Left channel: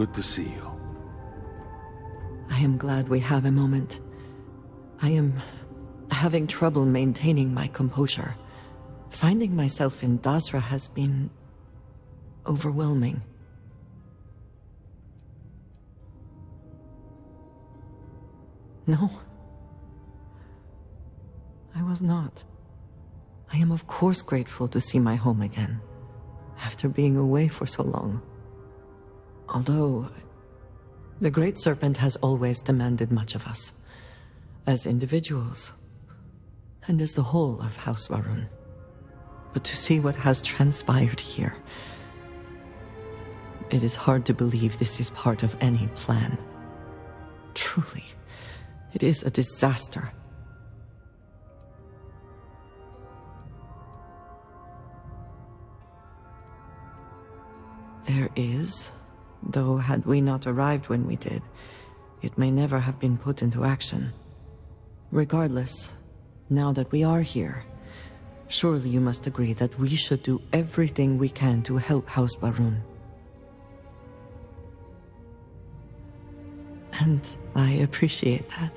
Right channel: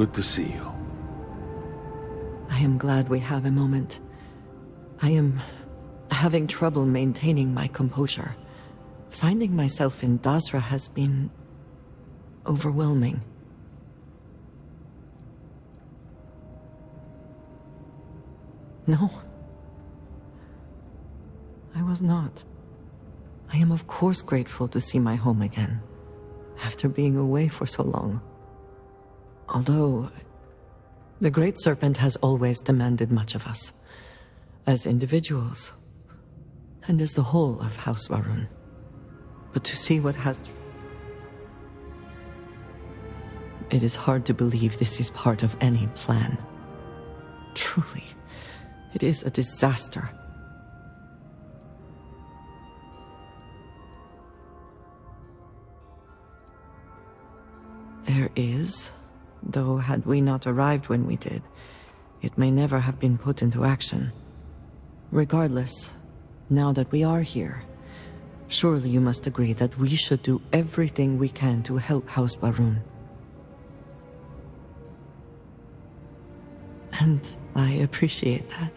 Good to see you. I am glad we have a moment. I am having trouble maintaining my composure. Finding myself in Dasra has been overwhelming. No. I was not. I am of course grateful to see my home again, after being away for so long. Although, the Great Serpent has always demanded much of us, as individuals, and as the whole of House Varun. But to see what has transpired here, it is hard to believe this is part of any plan. Truly, it is a disaster. There is, though had we not arrived when we did, it may never have been put into action. Regardless, now that we are here, surely you must agree that we should do everything we can to help House Varun. And I appreciate that.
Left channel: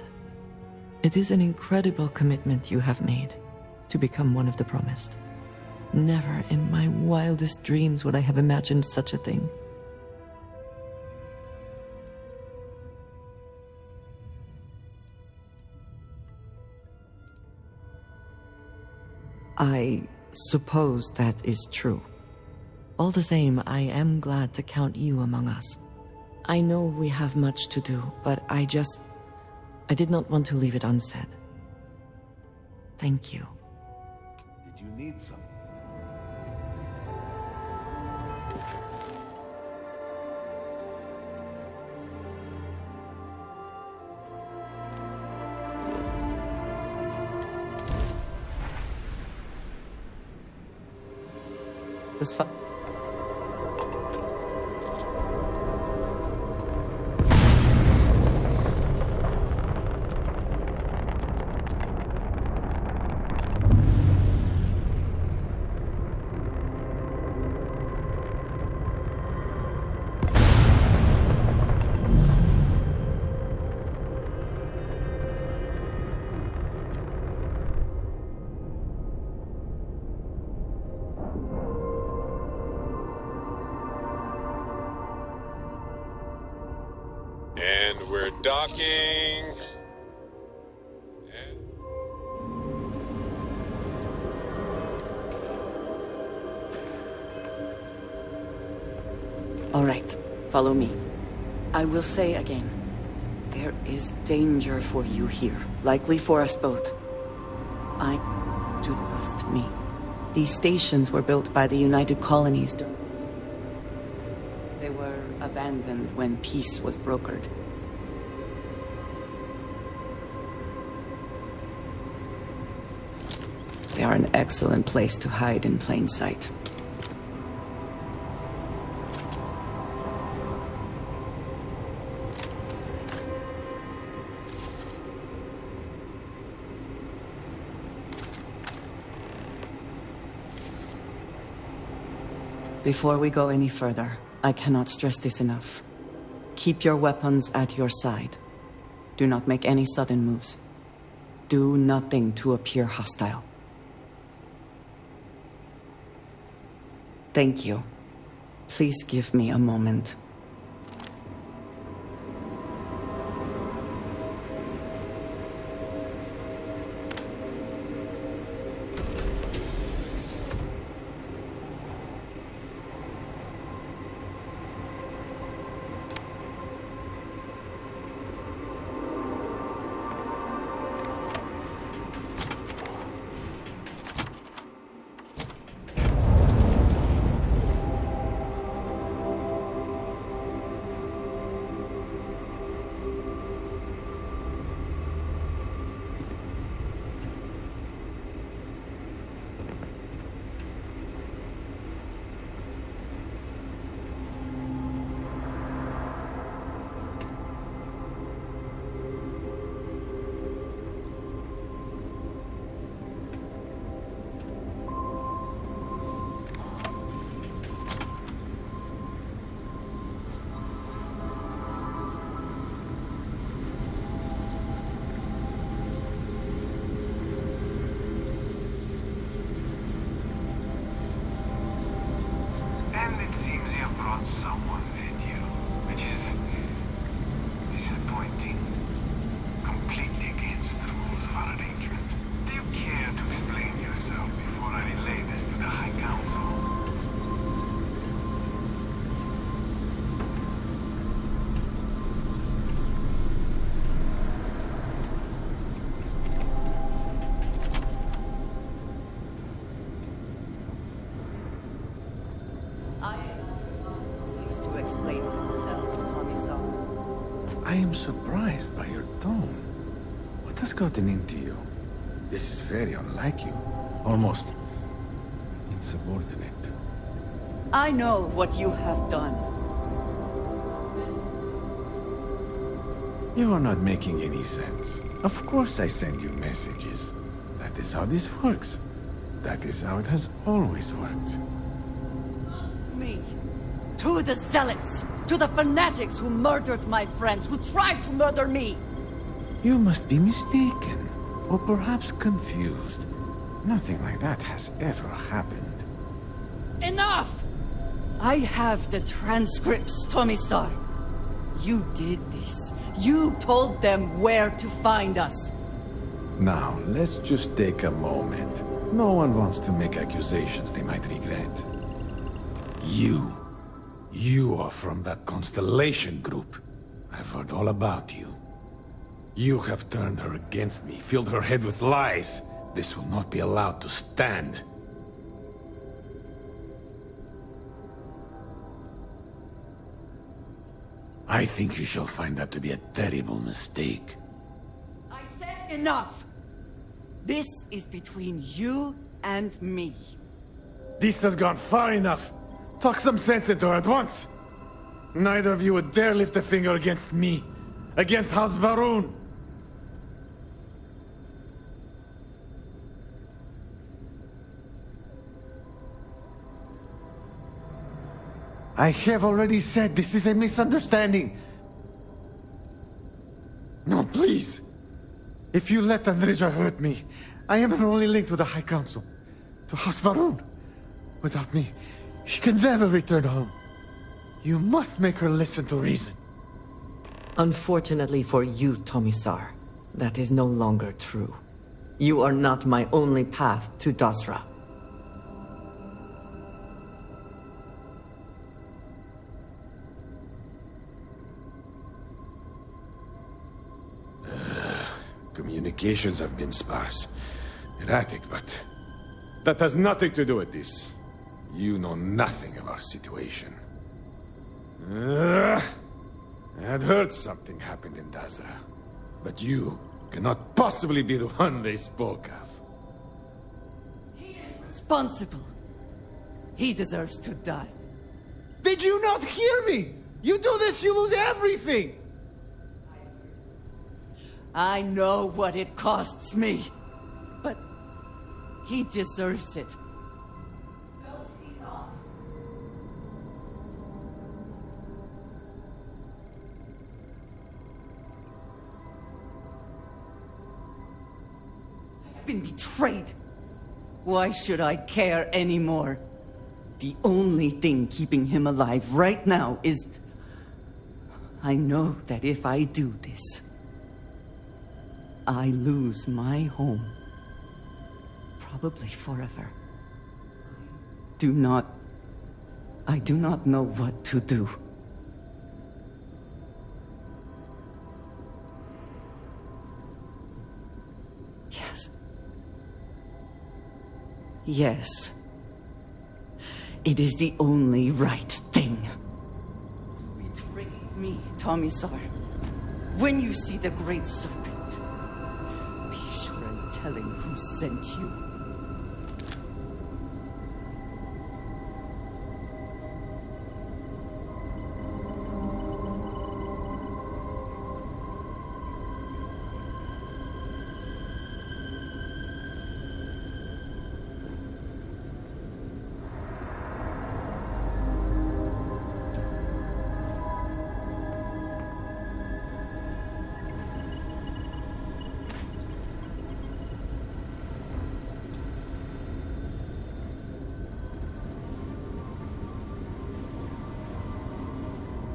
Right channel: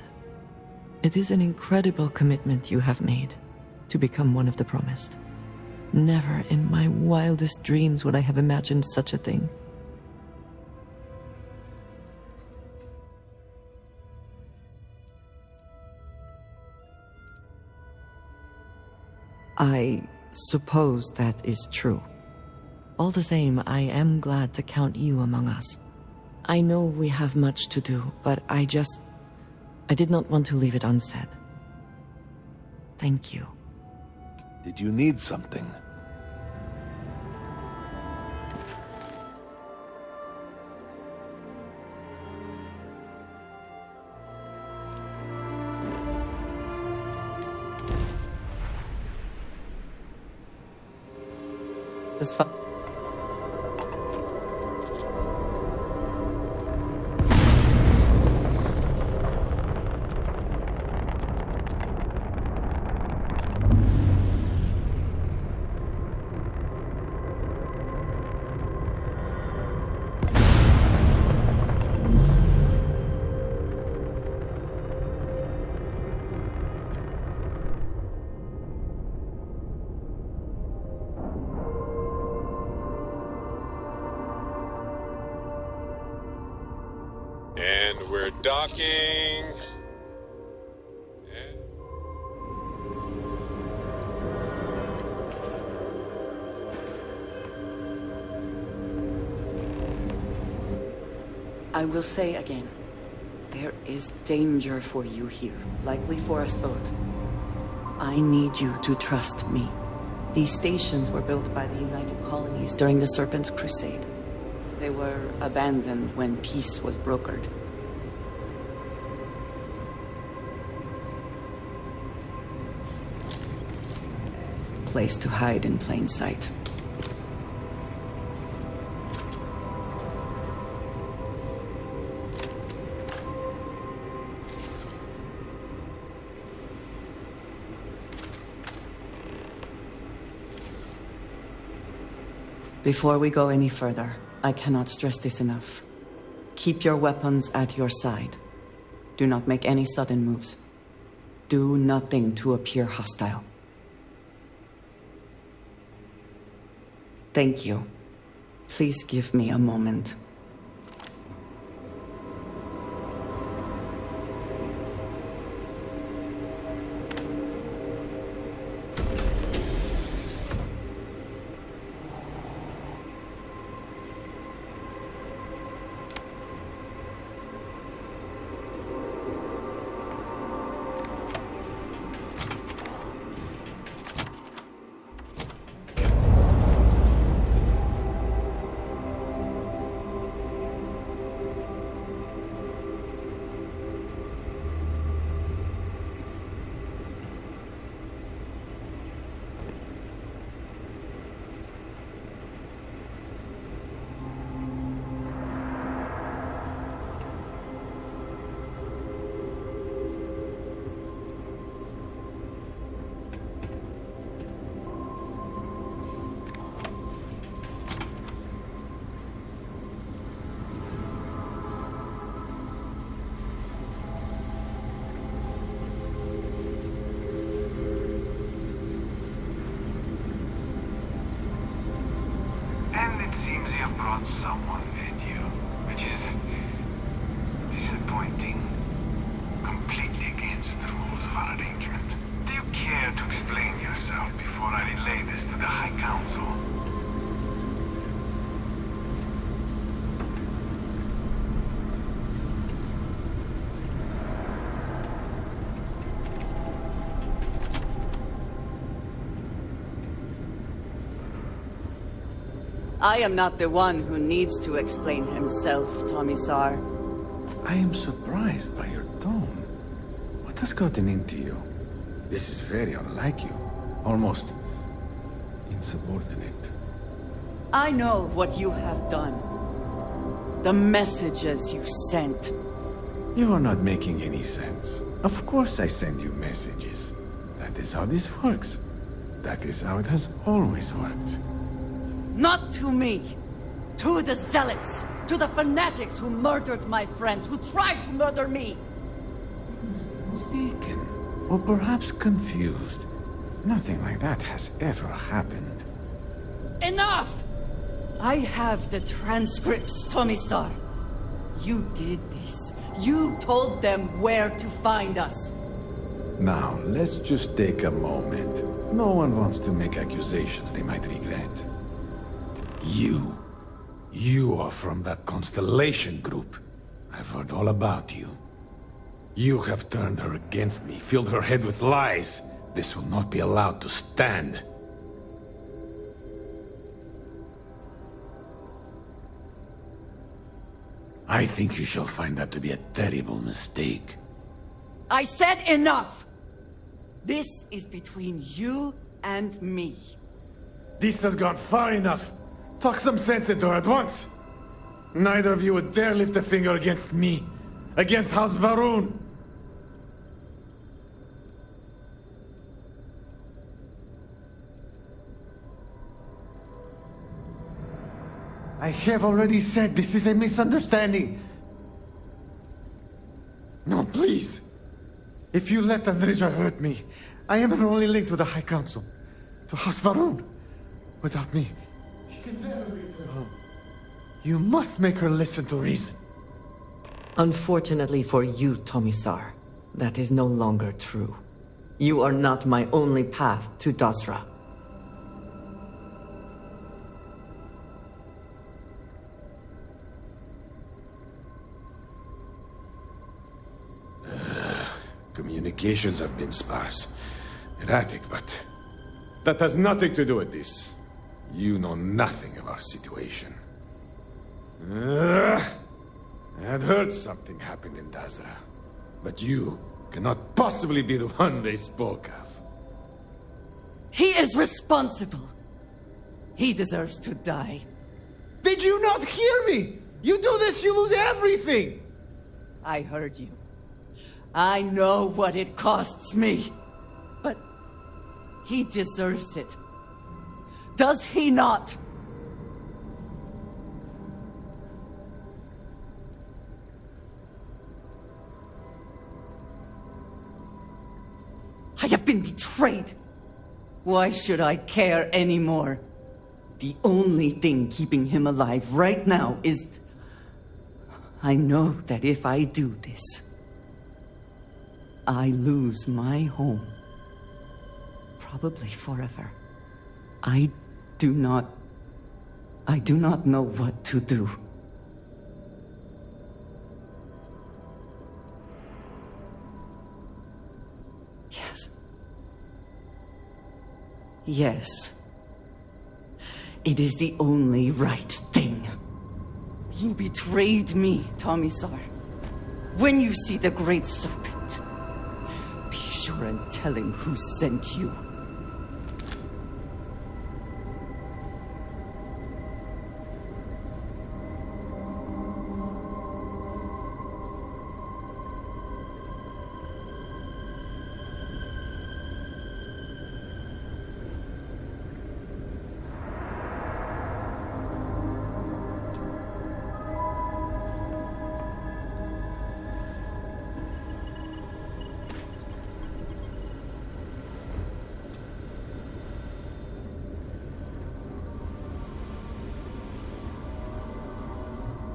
It is an incredible commitment you have made to become one of the promised. Never in my wildest dreams would I have imagined such a thing. I suppose that is true. All the same, I am glad to count you among us. I know we have much to do, but I did not want to leave it unsaid. Thank you. Did you need something? It's fun. And we're docking. All right, follow me. I will say again, there is danger for you here, likely for us both. I need you to trust me. These stations were built by the United Colonies during the Serpent's Crusade. They were abandoned when peace was brokered. They are an excellent place to hide in plain sight. Before we go any further, I cannot stress this enough. Keep your weapons at your side. Do not make any sudden moves. Do nothing to appear hostile. Thank you. Please give me a moment. seems you have brought someone with you, which is disappointing. Completely against the rules of our arrangement. Do you care to explain yourself before I relay this to the High Council? I am not the one who needs to explain himself, Tomisar. I am surprised by your tone. What has gotten into you? This is very unlike you. Almost insubordinate. I know what you have done. The messages you sent. You are not making any sense. Of course I send you messages. That is how this works. That is how it has always worked. Not to me. To the zealots. To the fanatics who murdered my friends, who tried to murder me. You must be mistaken. Or perhaps confused. Nothing like that has ever happened. Enough! I have the transcripts, Tomisar. You did this. You told them where to find us. Now, let's just take a moment. No one wants to make accusations they might regret. You are from that Constellation group. I've heard all about you. You have turned her against me, filled her head with lies. This will not be allowed to stand. I think you shall find that to be a terrible mistake. I said enough! This is between you and me. This has gone far enough. Talk some sense into her at once. Neither of you would dare lift a finger against me. Against House Varun. I have already said this is a misunderstanding. No, please. If you let Anderja hurt me, I am her only link to the High Council. To House Varun. Without me, she can never return home. You must make her listen to reason. Unfortunately for you, Tomisar, that is no longer true. You are not my only path to Dasra. Communications have been sparse. Erratic, but that has nothing to do with this. You know nothing of our situation. I had heard something happened in Dasra, but you cannot possibly be the one they spoke of. He is responsible. He deserves to die. Did you not hear me? You do this, you lose everything! I heard you. I know what it costs me. But he deserves it. Does he not? I have been betrayed. Why should I care anymore? The only thing keeping him alive right now is... I know that if I do this, I lose my home. Probably forever. I do not know what to do. Yes. Yes. It is the only right thing. You betrayed me, Tomisar. When you see the Great Serpent, be sure and tell him who sent you.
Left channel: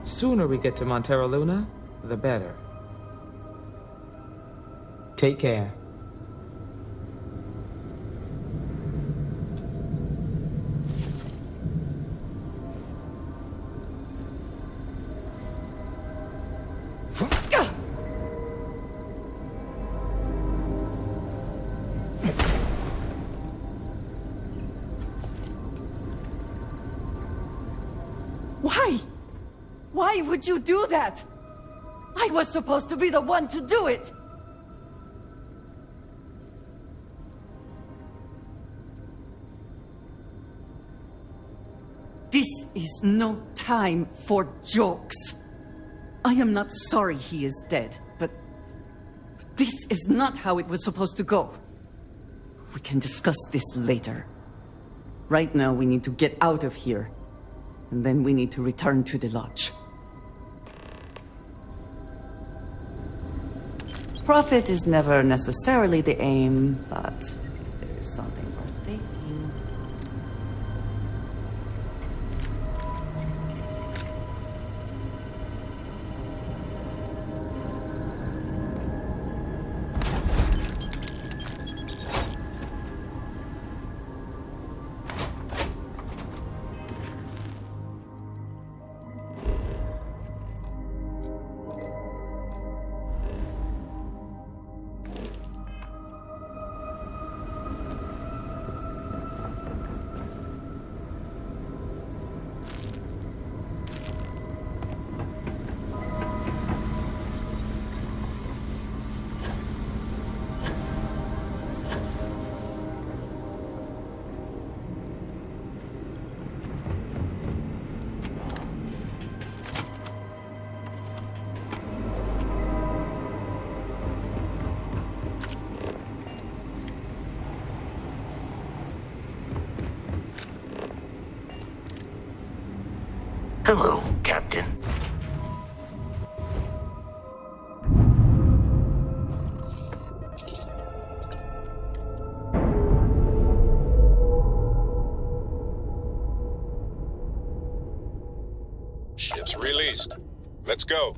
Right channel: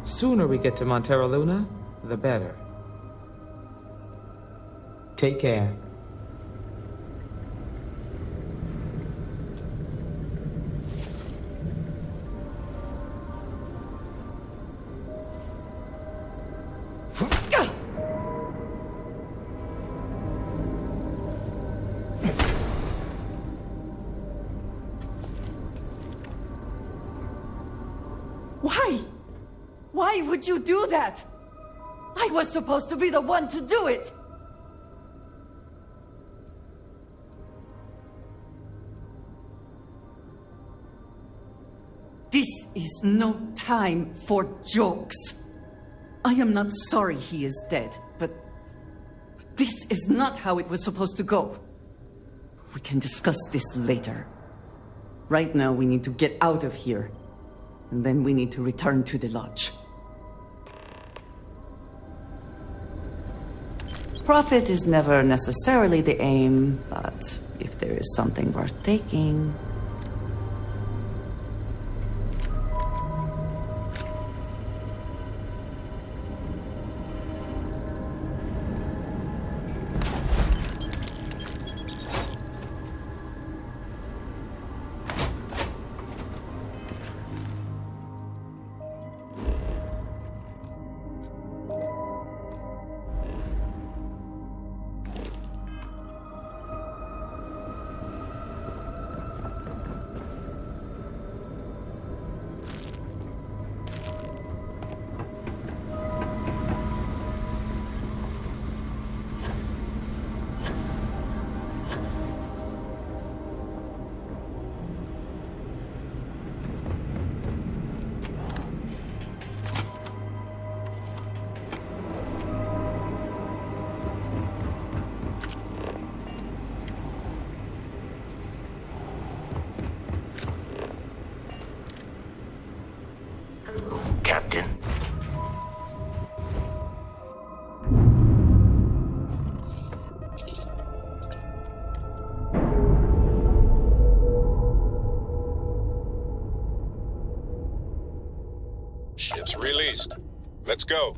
Sooner we get to Montero Luna, the better. Take care. Why? Why would you do that? I was supposed to be the one to do it! This is no time for jokes. I am not sorry he is dead, but this is not how it was supposed to go. We can discuss this later. Right now, we need to get out of here. And then we need to return to the lodge. Profit is never necessarily the aim, but if there is something worth taking... Hello, Captain. Ship's released. Let's go.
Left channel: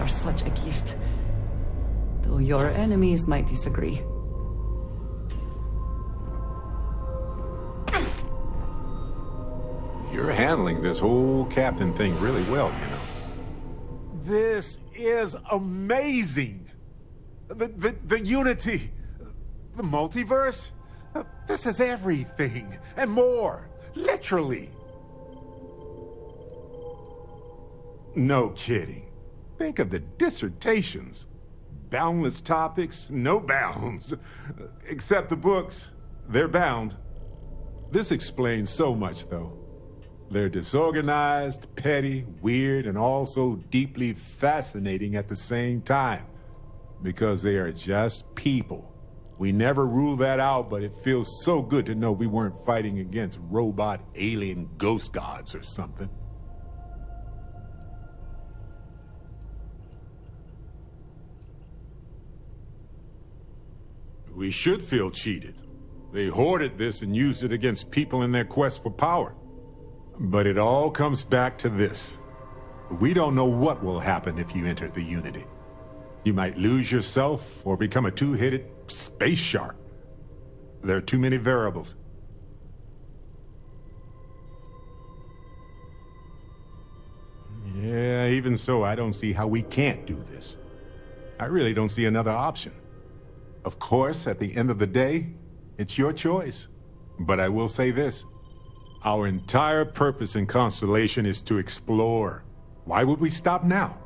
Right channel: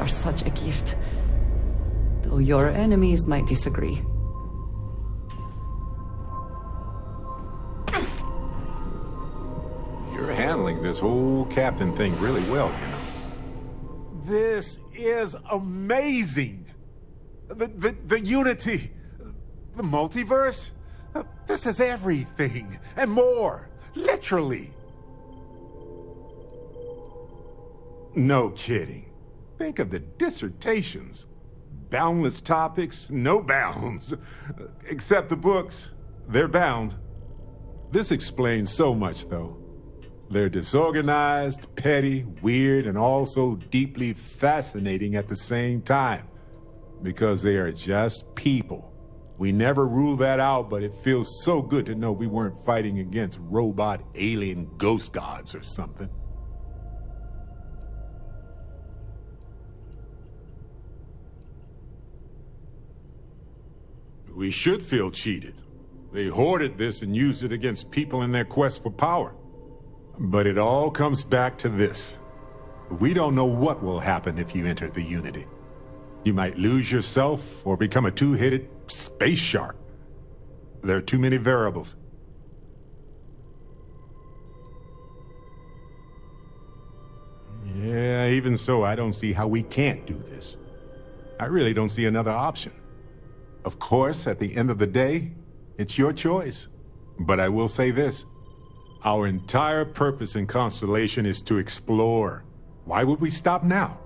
Are such a gift, though your enemies might disagree. You're handling this whole captain thing really well, you know. This is amazing! The unity, the multiverse, this is everything, and more, literally. No kidding. Think of the dissertations. Boundless topics, no bounds. Except the books, they're bound. This explains so much, though. They're disorganized, petty, weird, and also deeply fascinating at the same time. Because they are just people. We never rule that out, but it feels so good to know we weren't fighting against robot alien ghost gods or something. We should feel cheated. They hoarded this and used it against people in their quest for power. But it all comes back to this. We don't know what will happen if you enter the Unity. You might lose yourself or become a two-headed space shark. There are too many variables. Yeah, even so, I don't see how we can't do this. I really don't see another option. Of course, at the end of the day, it's your choice. But I will say this. Our entire purpose in Constellation is to explore. Why would we stop now?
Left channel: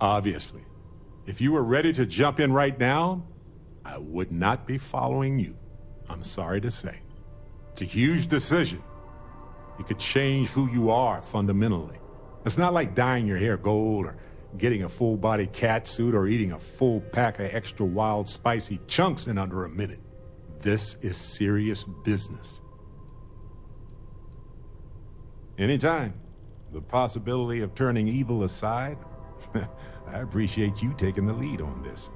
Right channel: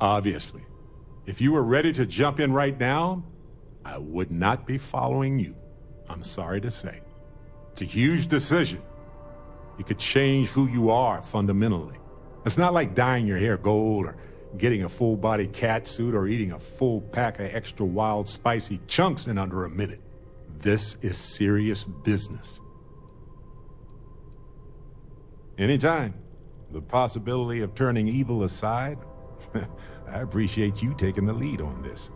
Obviously. If you were ready to jump in right now, I would not be following you. I'm sorry to say. It's a huge decision. It could change who you are fundamentally. It's not like dyeing your hair gold or getting a full-body cat suit or eating a full pack of extra wild, spicy chunks in under a minute. This is serious business. Anytime. The possibility of turning evil aside, I appreciate you taking the lead on this.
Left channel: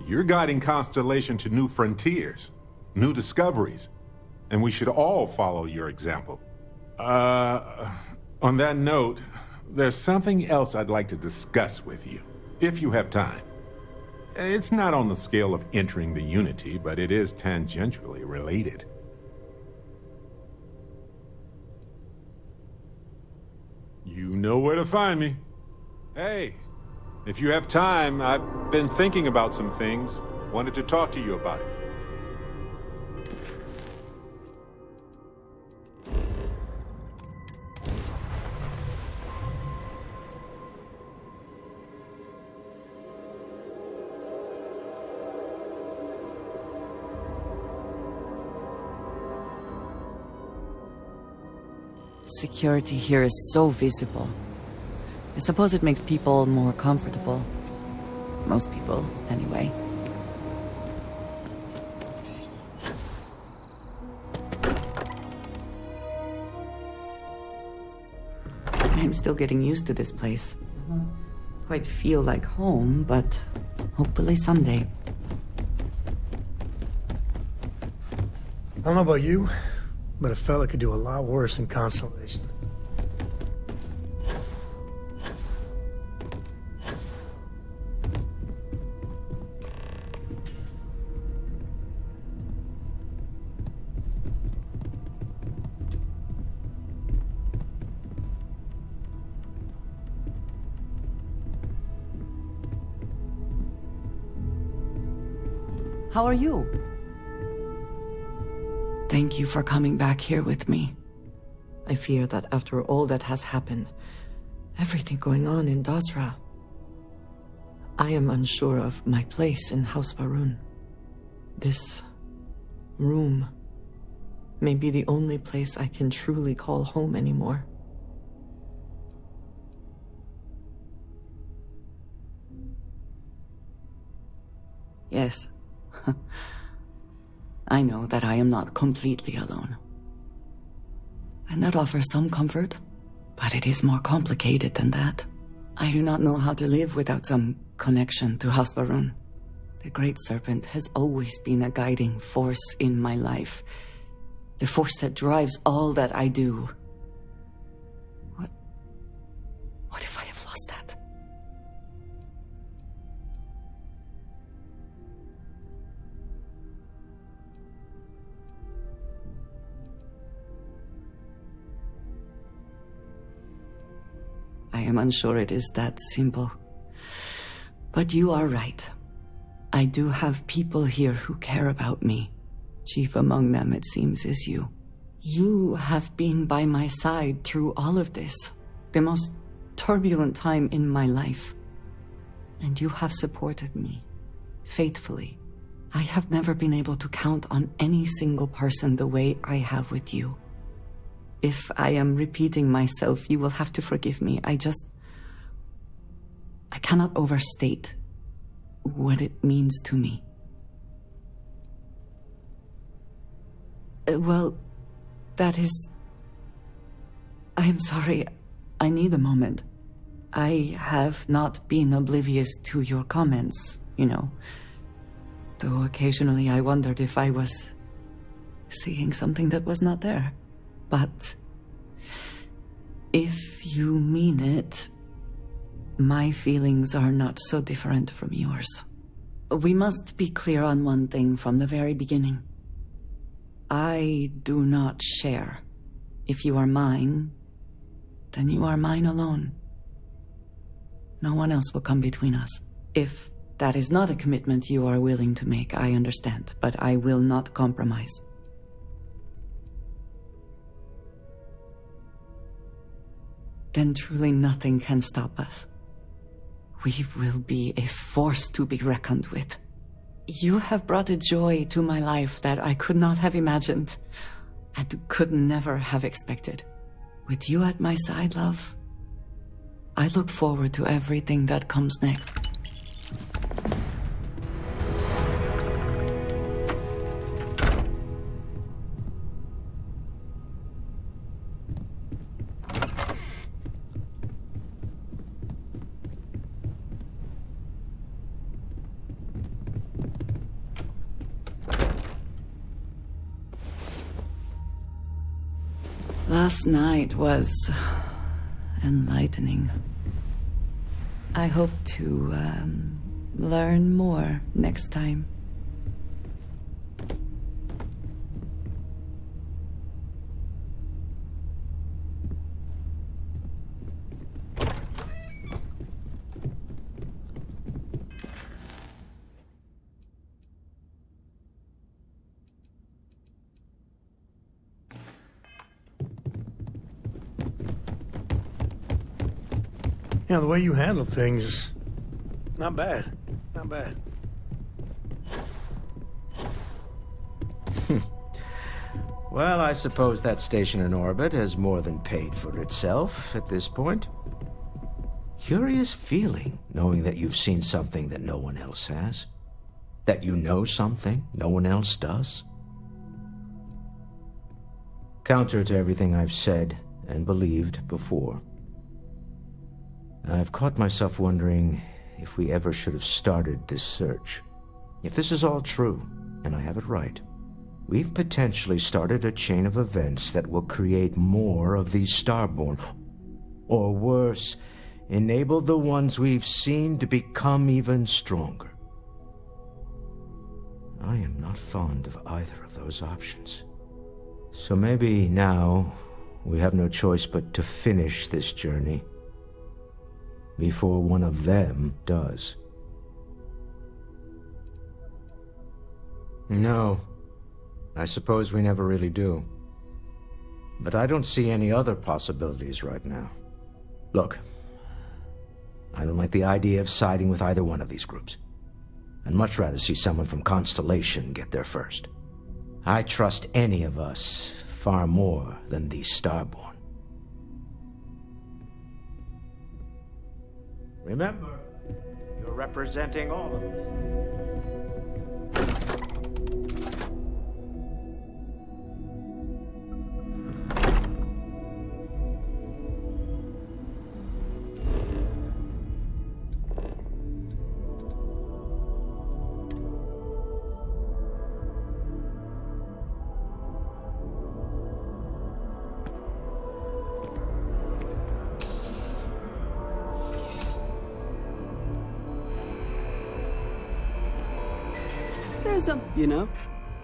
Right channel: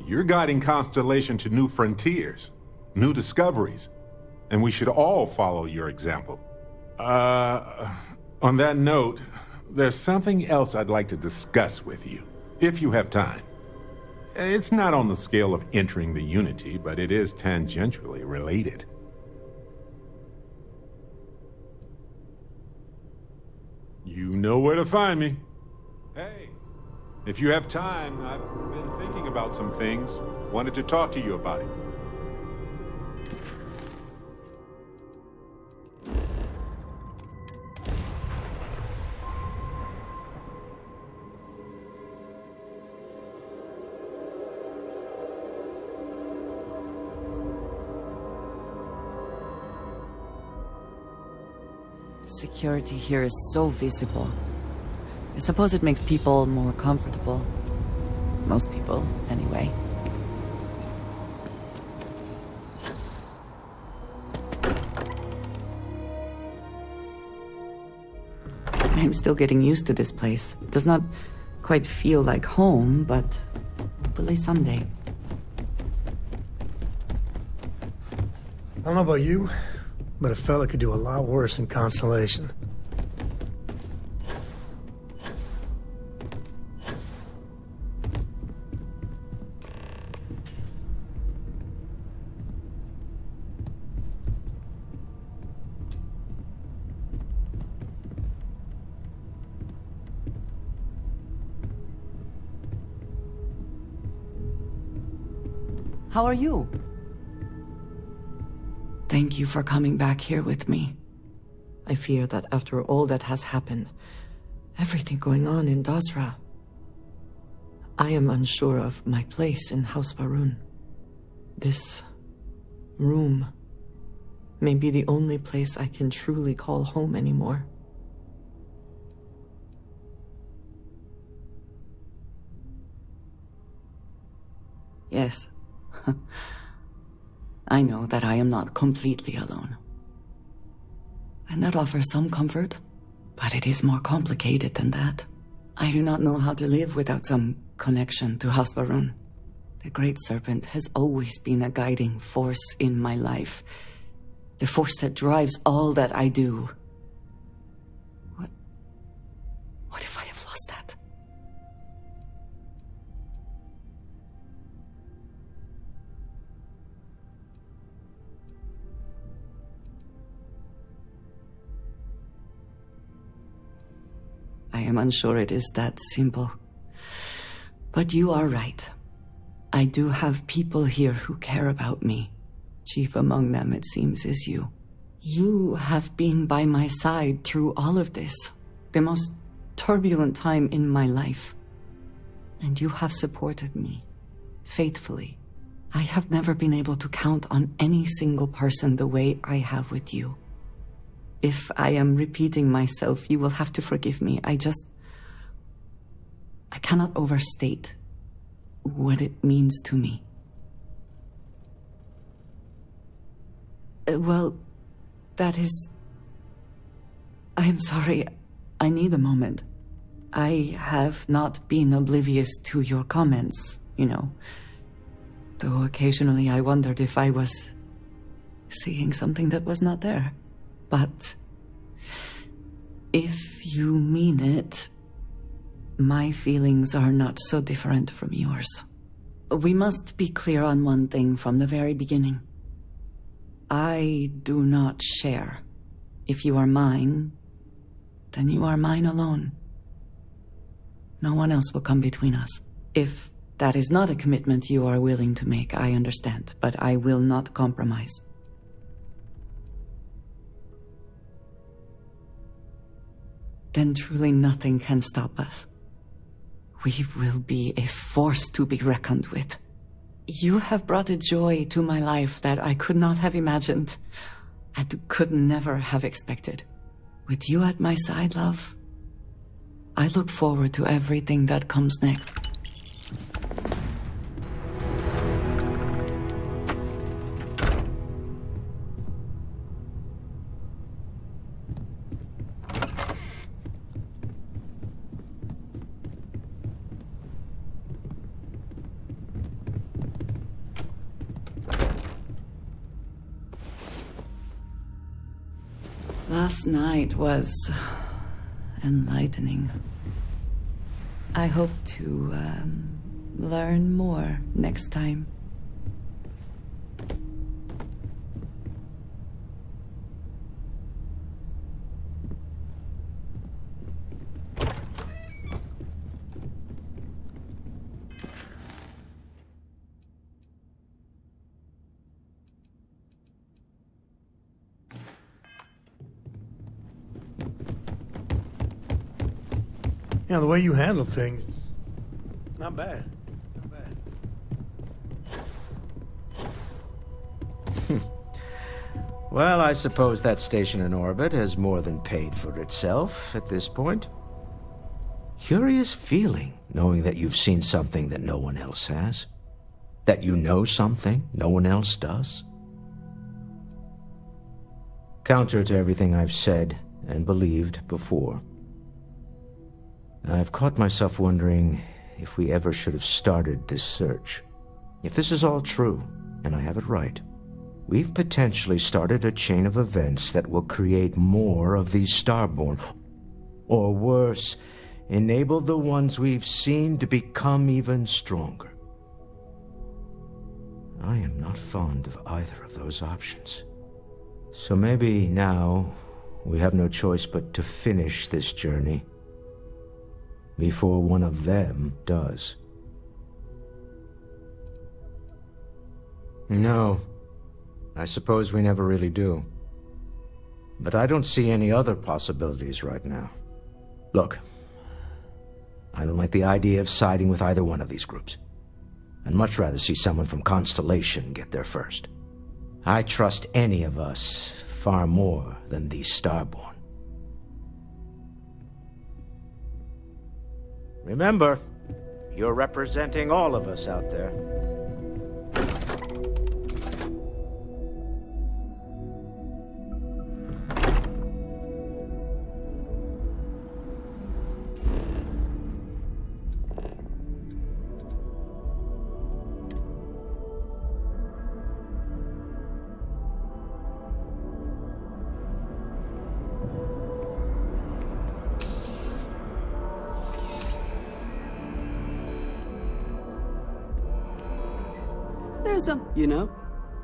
You're guiding Constellation to new frontiers, new discoveries, and we should all follow your example. On that note, there's something else I'd like to discuss with you, if you have time. It's not on the scale of entering the Unity, but it is tangentially related. You know where to find me. Hey, if you have time, I've been thinking about some things. Wanted to talk to you about it. Security here is so visible. I suppose it makes people more comfortable. Most people, anyway. I'm still getting used to this place. It does not quite feel like home, but hopefully someday. I don't know about you, but a fella could do a lot worse in Constellation. How are you? Thank you for coming back here with me. I fear that after all that has happened, everything going on in Dasra, I am unsure of my place in House Varun. This room may be the only place I can truly call home anymore. Yes. I know that I am not completely alone. And that offers some comfort, but it is more complicated than that. I do not know how to live without some connection to House Varun. The Great Serpent has always been a guiding force in my life. The force that drives all that I do. What if I have lost that? I am unsure it is that simple. But you are right. I do have people here who care about me. Chief among them, it seems, is you. You have been by my side through all of this, the most turbulent time in my life. And you have supported me, faithfully. I have never been able to count on any single person the way I have with you. If I am repeating myself, you will have to forgive me. I cannot overstate what it means to me. Well, that is... I am sorry. I need a moment. I have not been oblivious to your comments, you know. Though occasionally I wondered if I was seeing something that was not there. But if you mean it, my feelings are not so different from yours. We must be clear on one thing from the very beginning. I do not share. If you are mine, then you are mine alone. No one else will come between us. If that is not a commitment you are willing to make, I understand, but I will not compromise. Then truly nothing can stop us. We will be a force to be reckoned with. You have brought a joy to my life that I could not have imagined, and could never have expected. With you at my side, love, I look forward to everything that comes next. Last night was enlightening. I hope to learn more next time. Yeah, the way you handle things, not bad. Not bad. Well, I suppose that station in orbit has more than paid for itself at this point. Curious feeling, knowing that you've seen something that no one else has. That you know something no one else does. Counter to everything I've said and believed before. I've caught myself wondering if we ever should have started this search. If this is all true, and I have it right, we've potentially started a chain of events that will create more of these Starborn. Or worse, enable the ones we've seen to become even stronger. I am not fond of either of those options. So maybe now we have no choice but to finish this journey before one of them does. No, I suppose we never really do. But I don't see any other possibilities right now. Look, I don't like the idea of siding with either one of these groups. I'd much rather see someone from Constellation get there first. I trust any of us far more than these Starborn. Remember, you're representing all of us out there. There's some, you know,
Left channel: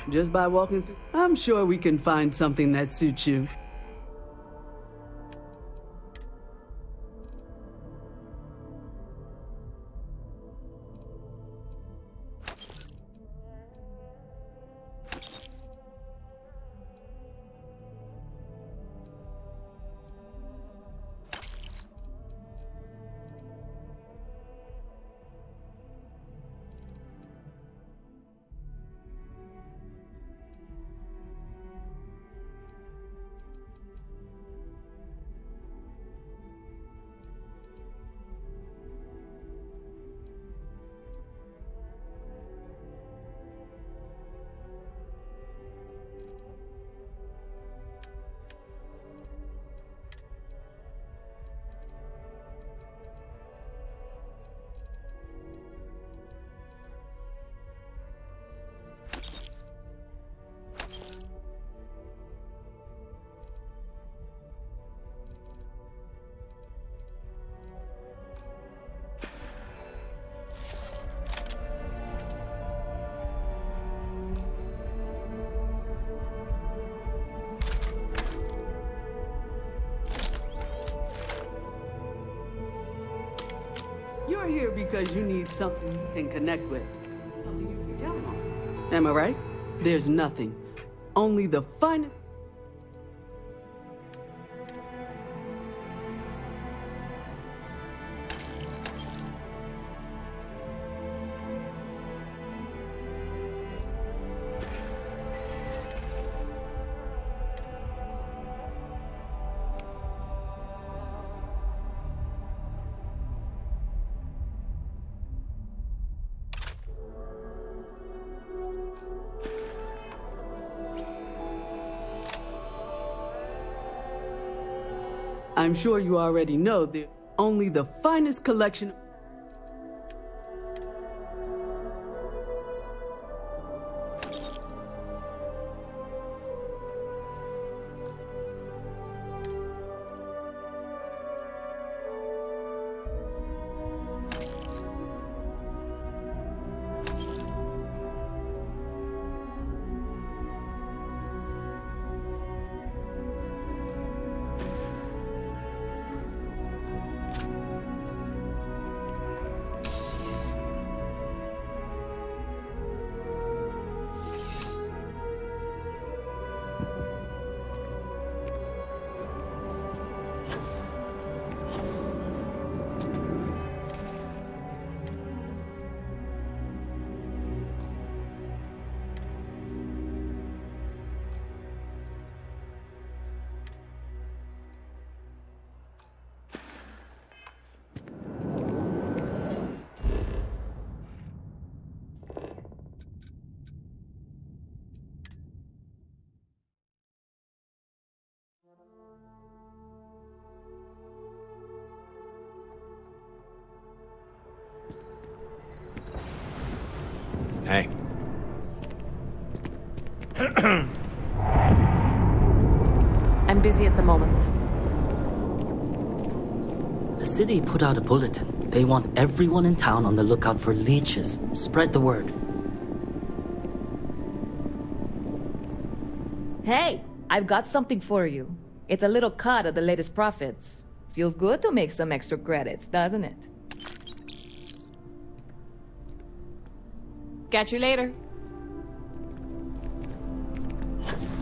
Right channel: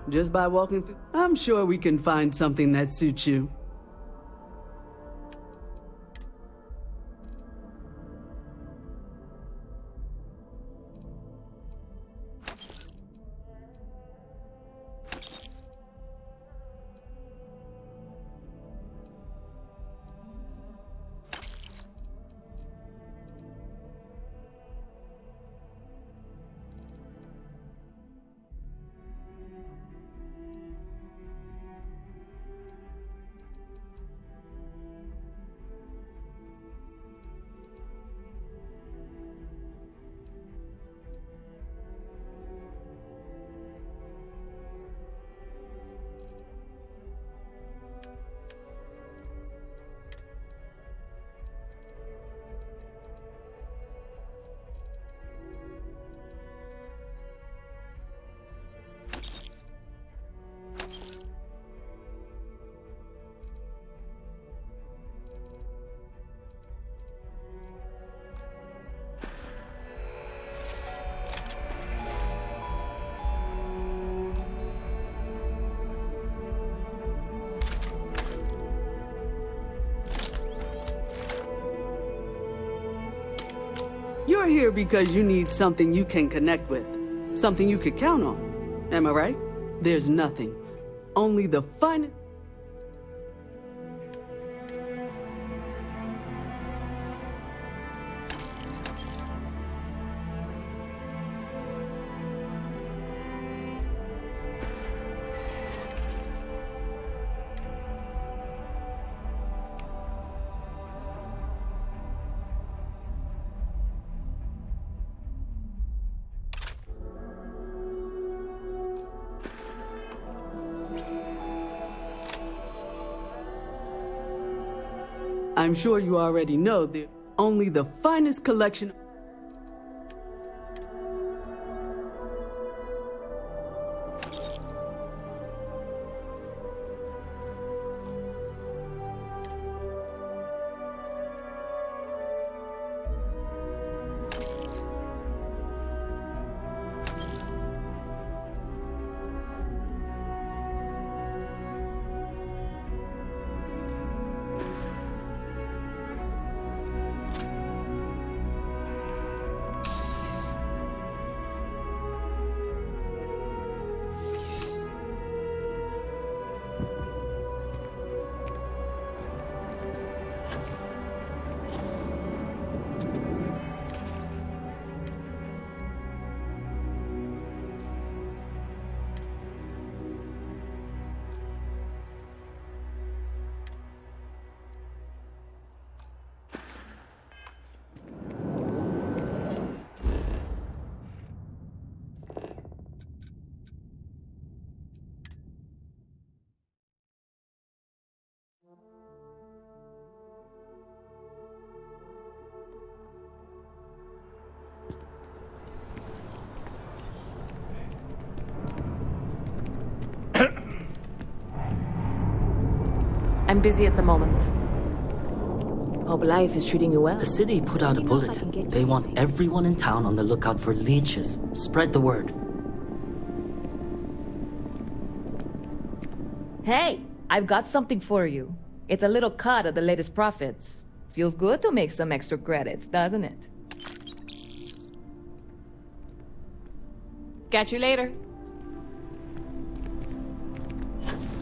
just by walking through. I'm sure we can find something that suits you. You're here because you need something you can connect with. Something you could count on. Am I right? There's nothing. Only the finest... I'm sure you already know that only the finest collection... Hey. I'm busy at the moment. Hope life is treating you well. The city put out a bulletin. They want everyone in town on the lookout for leeches. Spread the word. Hey, I've got something for you. It's a little cut of the latest profits. Feels good to make some extra credits, doesn't it? Catch you later.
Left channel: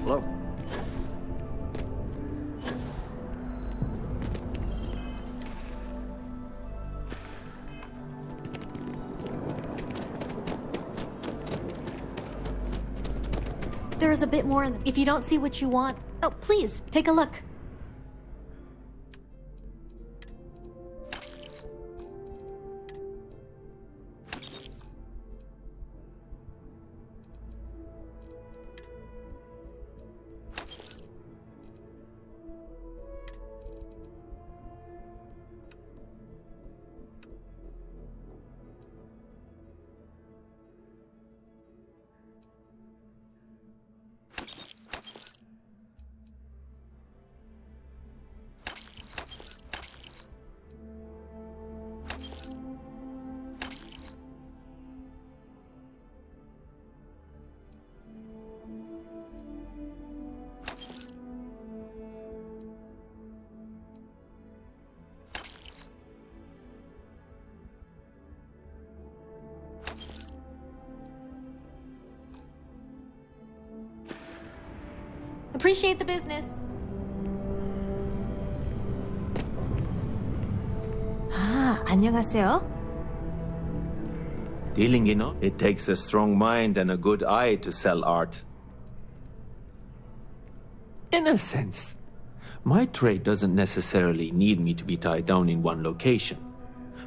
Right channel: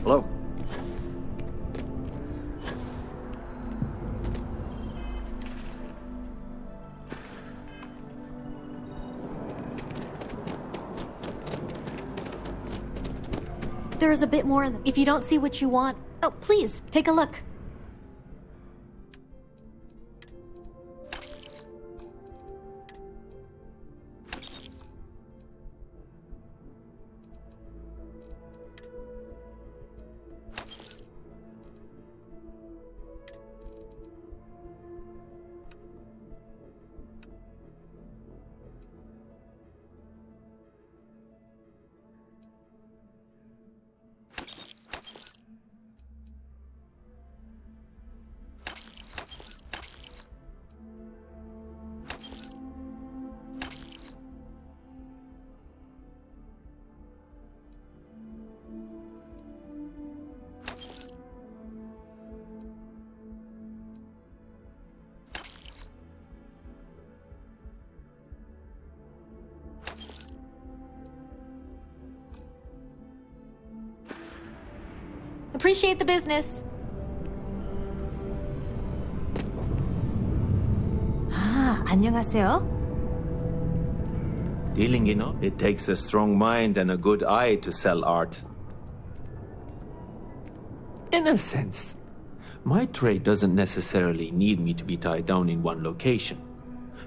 Hello. There is a bit more in them. If you don't see what you want, oh, please, take a look. Appreciate the business. 아, 안녕하세요. Dealing, it takes a strong mind and a good eye to sell art. In a sense, my trade doesn't necessarily need me to be tied down in one location.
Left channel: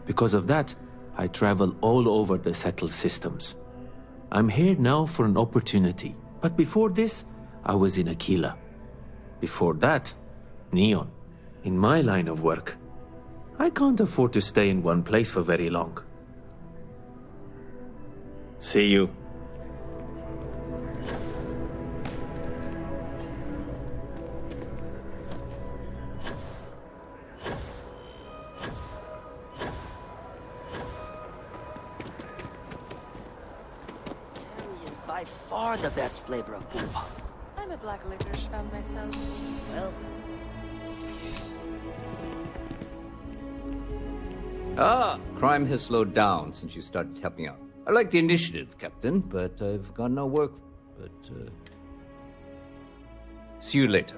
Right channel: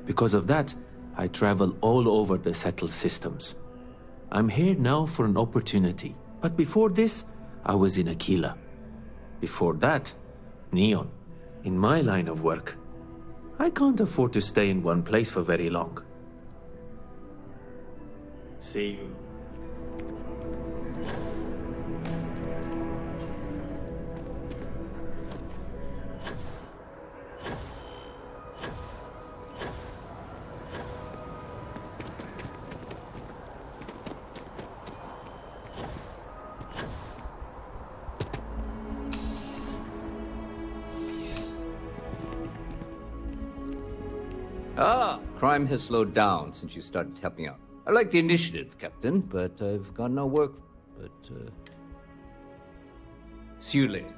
Because of that, I travel all over the settled systems. I'm here now for an opportunity, but before this, I was in Aquila. Before that, Neon. In my line of work, I can't afford to stay in one place for very long. See you. It's by far the best flavor of brew pop. I'm a black licorice fan myself. Well, Ah, crime has slowed down since you started helping out. I like the initiative, Captain, but I've got no work. See you later.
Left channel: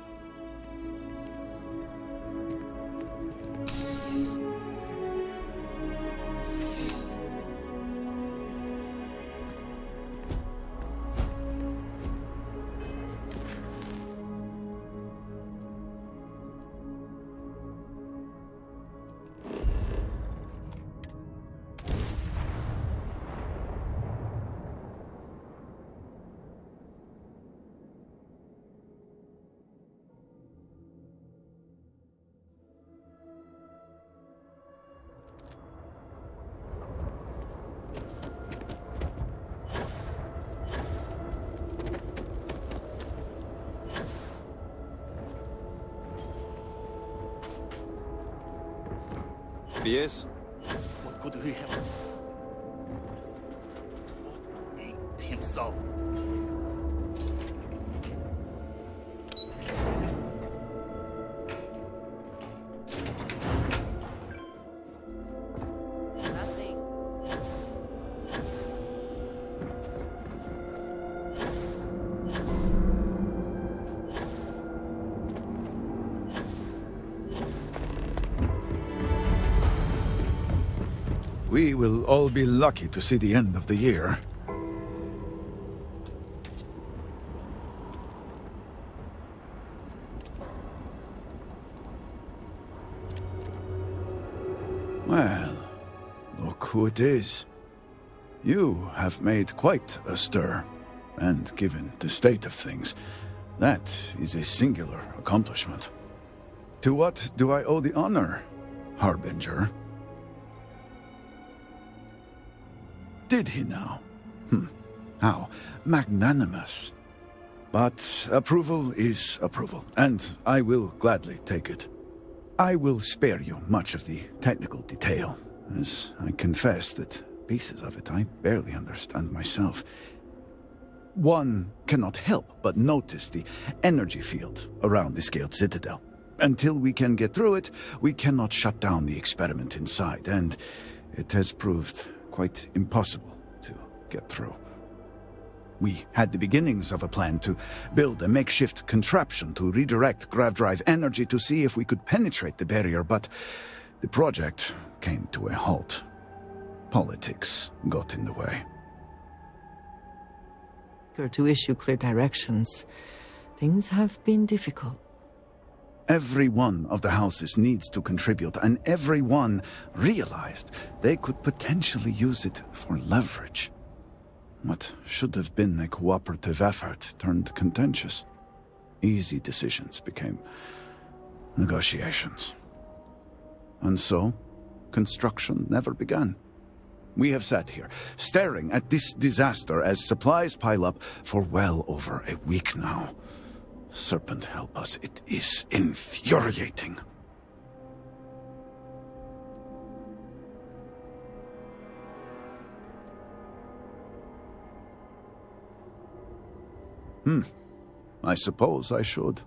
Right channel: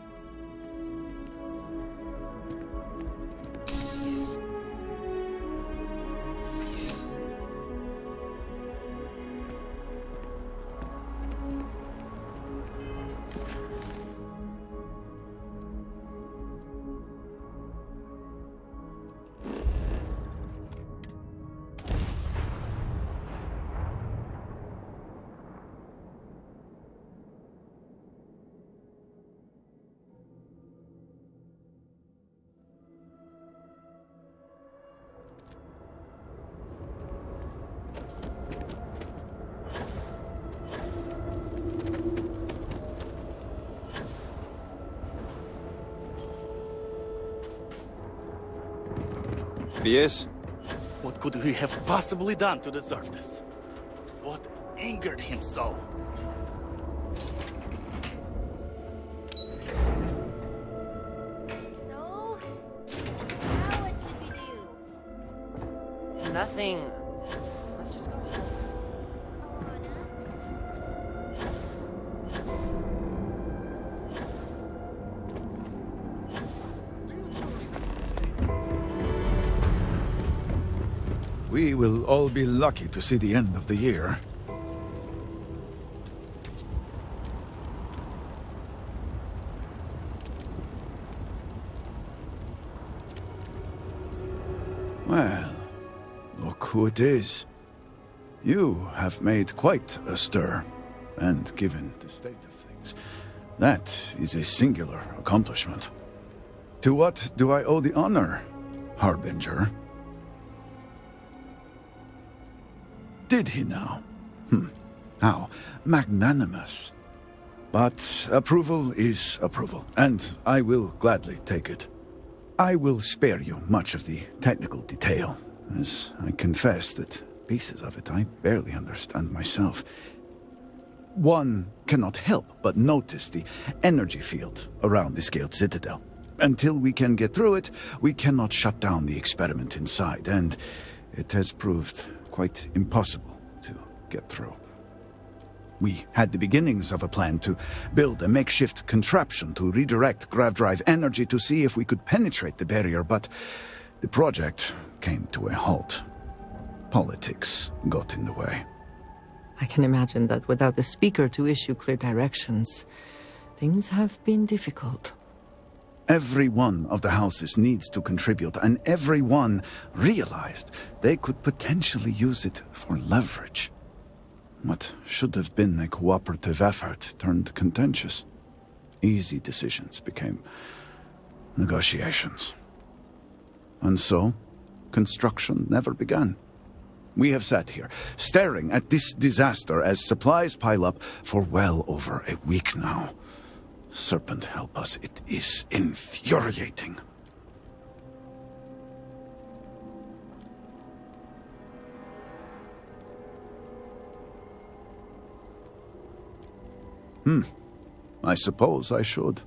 Yes? What could he have possibly done to deserve this? What angered him so? Nothing. Let's just go. We will all be lucky to see the end of the year. Well, look who it is. You have made quite a stir, and given the state of things, that is a singular accomplishment. To what do I owe the honor, Harbinger? Did he now? How magnanimous. But approval is approval, and I will gladly take it. I will spare you much of the technical detail, as I confess that pieces of it I barely understand myself. One cannot help but notice the energy field around the Scaled Citadel. Until we can get through it, we cannot shut down the experiment inside, and it has proved quite impossible to get through. We had the beginnings of a plan to build a makeshift contraption to redirect grav drive energy to see if we could penetrate the barrier, but the project came to a halt. Politics got in the way. I can imagine that without the Speaker to issue clear directions, things have been difficult. Every one of the houses needs to contribute, and everyone realized they could potentially use it for leverage. What should have been a cooperative effort turned contentious. Easy decisions became negotiations. And so, construction never began. We have sat here, staring at this disaster as supplies pile up for well over a week now. Serpent help us, it is infuriating. I suppose I should.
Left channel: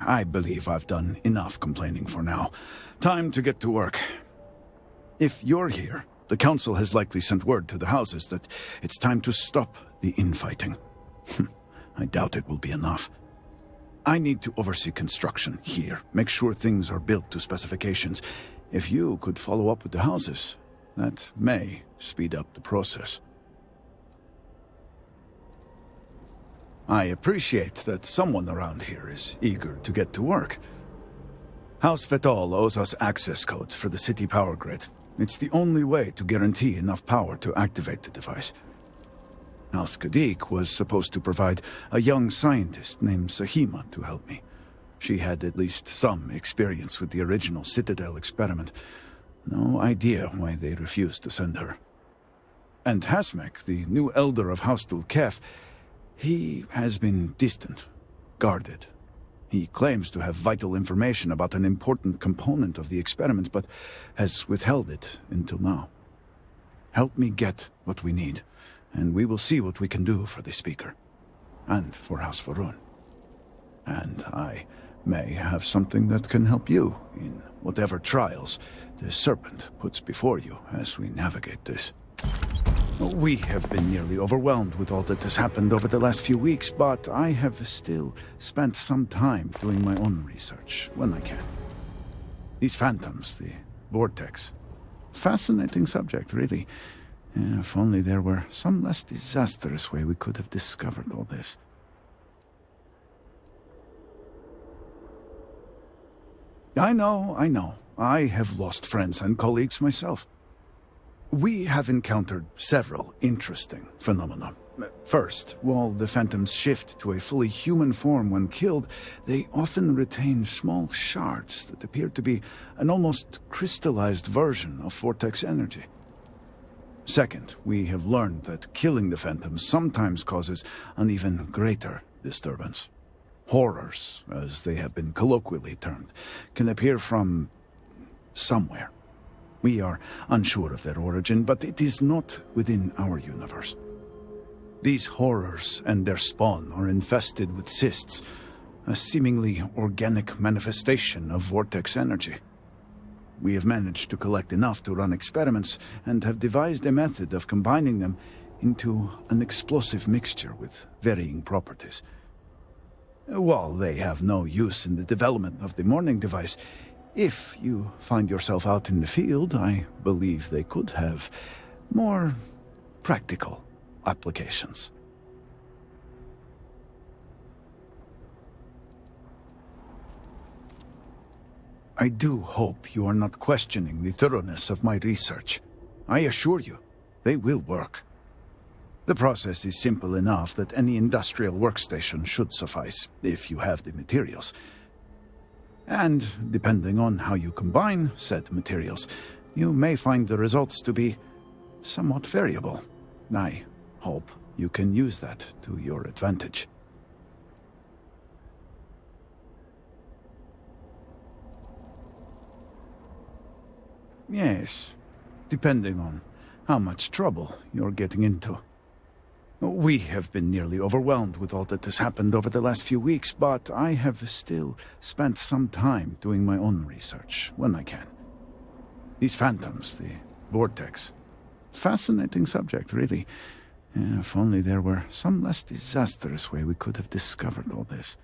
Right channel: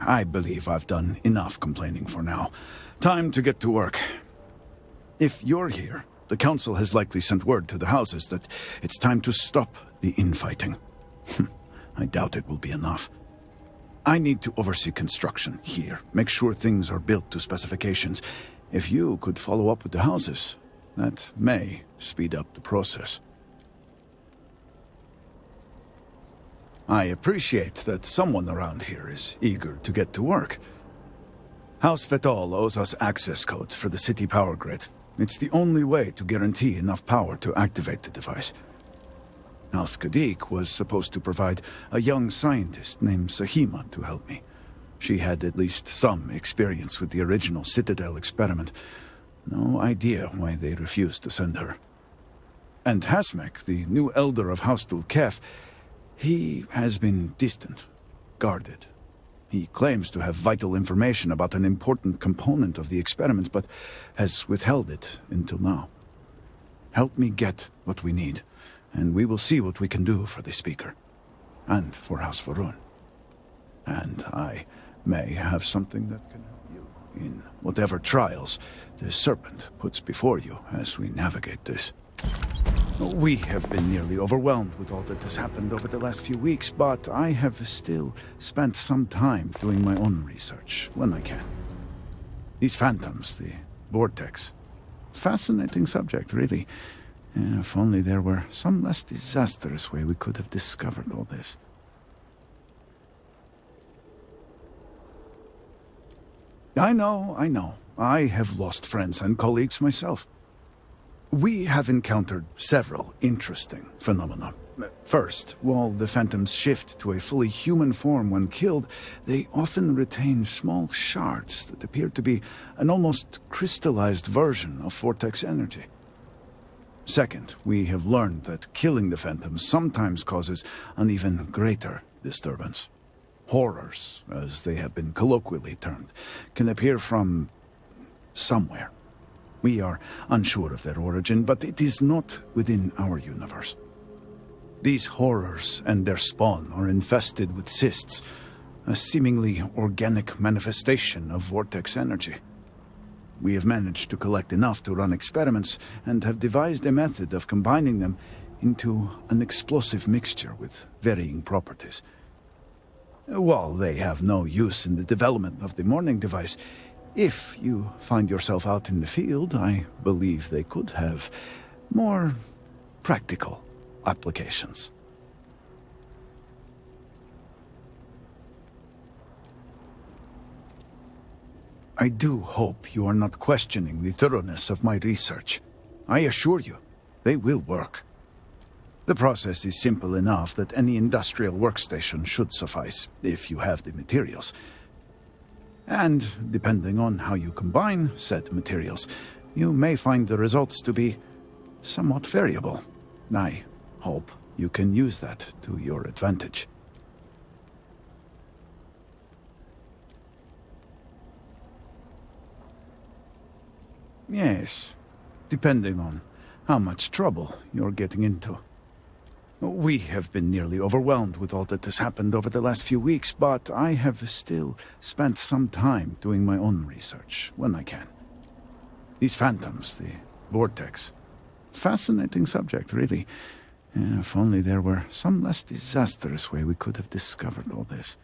I believe I've done enough complaining for now. Time to get to work. If you're here, the Council has likely sent word to the houses that it's time to stop the infighting. I doubt it will be enough. I need to oversee construction here, make sure things are built to specifications. If you could follow up with the houses, that may speed up the process. I appreciate that someone around here is eager to get to work. House Fetal owes us access codes for the city power grid. It's the only way to guarantee enough power to activate the device. House Kadik was supposed to provide a young scientist named Sahima to help me. She had at least some experience with the original Citadel experiment. No idea why they refused to send her. And Hasmek, the new elder of House Dulkef, he has been distant, guarded. He claims to have vital information about an important component of the experiment, but has withheld it until now. Help me get what we need, and we will see what we can do for the Speaker, and for House Varun. And I may have something that can help you in whatever trials the Serpent puts before you as we navigate this. We have been nearly overwhelmed with all that has happened over the last few weeks, but I have still spent some time doing my own research when I can. These phantoms, the vortex. Fascinating subject, really. If only there were some less disastrous way we could have discovered all this. I know. I have lost friends and colleagues myself. We have encountered several interesting phenomena. First, while the phantoms shift to a fully human form when killed, they often retain small shards that appear to be an almost crystallized version of vortex energy. Second, we have learned that killing the phantoms sometimes causes an even greater disturbance. Horrors, as they have been colloquially termed, can appear from somewhere. We are unsure of their origin, but it is not within our universe. These horrors and their spawn are infested with cysts, a seemingly organic manifestation of vortex energy. We have managed to collect enough to run experiments and have devised a method of combining them into an explosive mixture with varying properties. While they have no use in the development of the morning device, if you find yourself out in the field, I believe they could have more practical applications. I do hope you are not questioning the thoroughness of my research. I assure you, they will work. The process is simple enough that any industrial workstation should suffice, if you have the materials. And, depending on how you combine said materials, you may find the results to be somewhat variable. I hope you can use that to your advantage. Yes, depending on how much trouble you're getting into. We have been nearly overwhelmed with all that has happened over the last few weeks, but I have still spent some time doing my own research when I can. These phantoms, the vortex. Fascinating subject, really. If only there were some less disastrous way we could have discovered all this.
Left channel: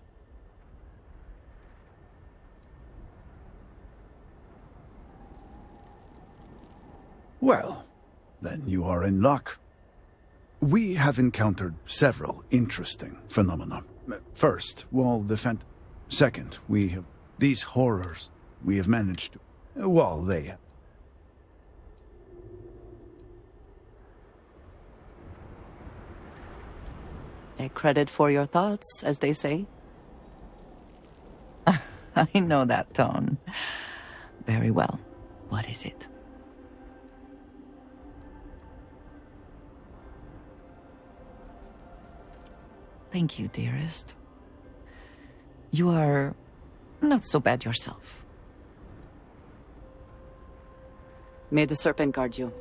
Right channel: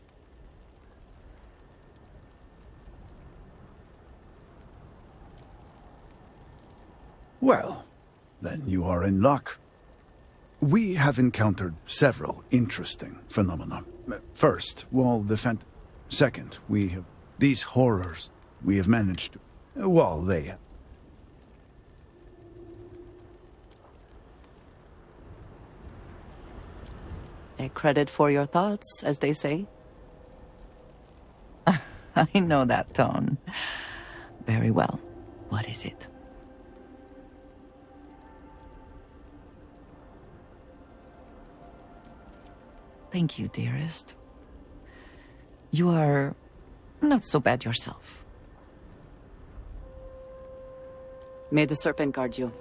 Well, then you are in luck. We have encountered several interesting phenomena. First, while the Second, we have these horrors. We have managed to... Well, they... A credit for your thoughts, as they say. I know that tone. Very well. What is it? Thank you, dearest. You are not so bad yourself. May the serpent guard you.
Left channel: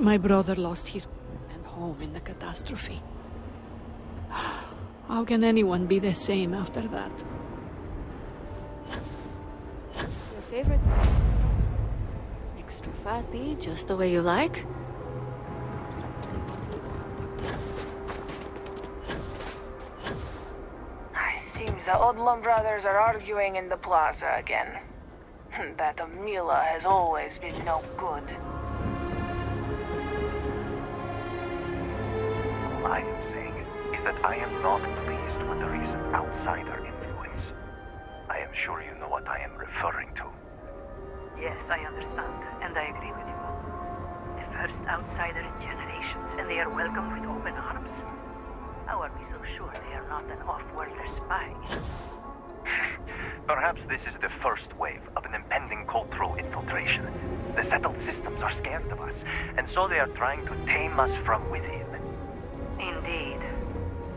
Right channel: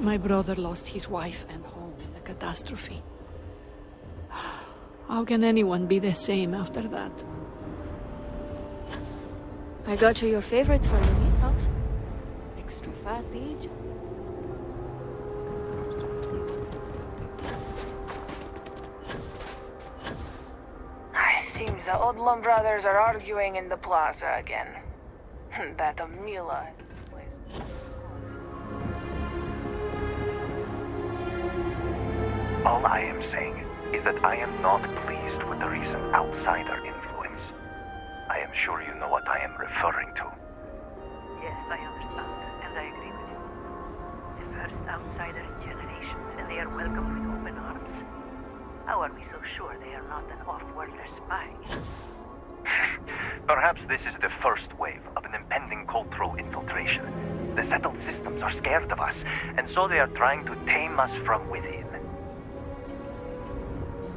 My brother lost his wife and home in the catastrophe. How can anyone be the same after that? I got you your favorite for the meathouse. Extra fatty, just the way you like. Seems the Odlum brothers are arguing in the plaza again. That Amila has always been no good. All I am saying is that I am not pleased with the recent outsider influence. I am sure you know what I am referring to. Yes, I understand, and I agree with you. The first outsider in generations, and they are welcomed with open arms? How are we so sure they are not an off-worlder spy? Perhaps this is the first wave of an impending cultural infiltration. The settled systems are scared of us, and so they are trying to tame us from within. Indeed.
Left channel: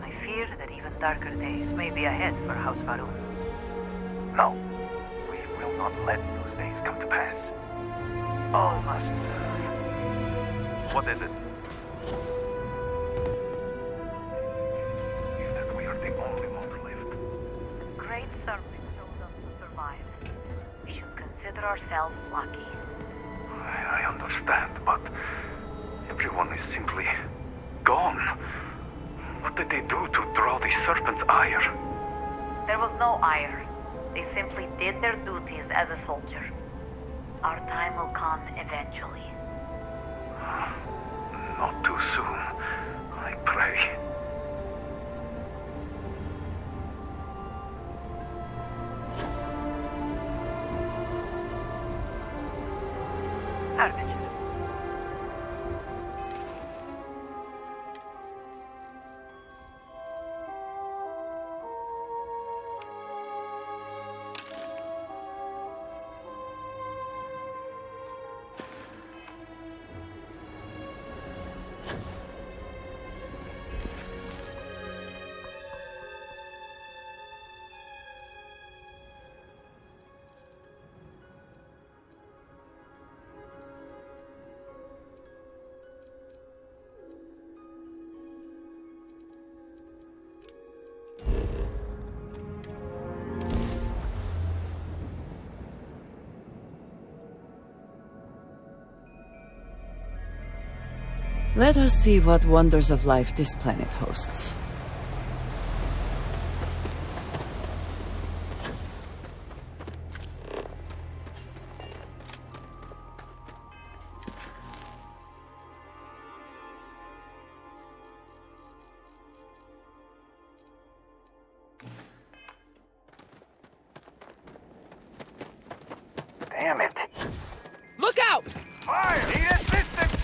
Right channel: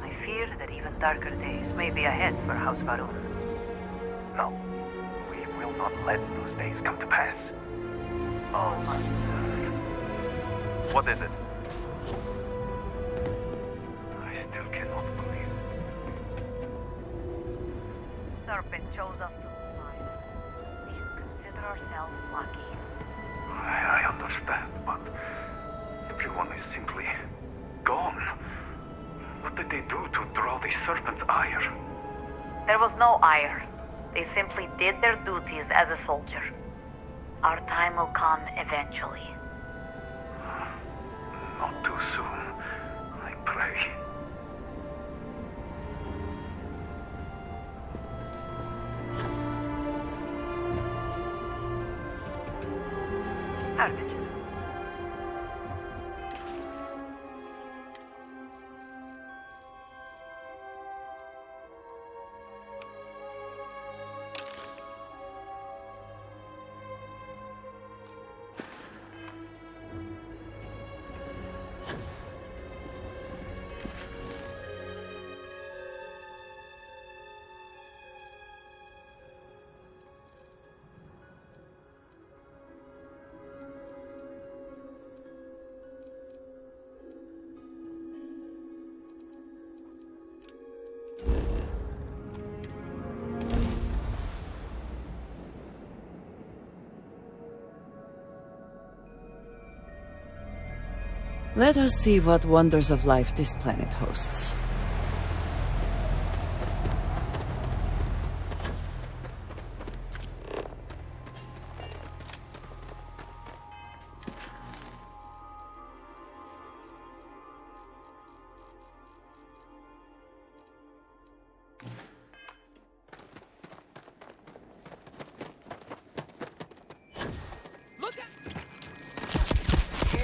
I fear that even darker days may be ahead for House Varun. No, will not let those days come to pass. All must serve. What is it? I still cannot believe that we are the only ones left. Great Serpent chose us to survive. We should consider ourselves lucky. I understand, but everyone is simply gone. What did they do to draw the Serpent's ire? There was no ire. They simply did their duties as a soldier. Our time will come eventually. Not too soon, I pray. Armitage. Let us see what wonders of life this planet hosts. Damn it. Look out! Fire! Need assistance!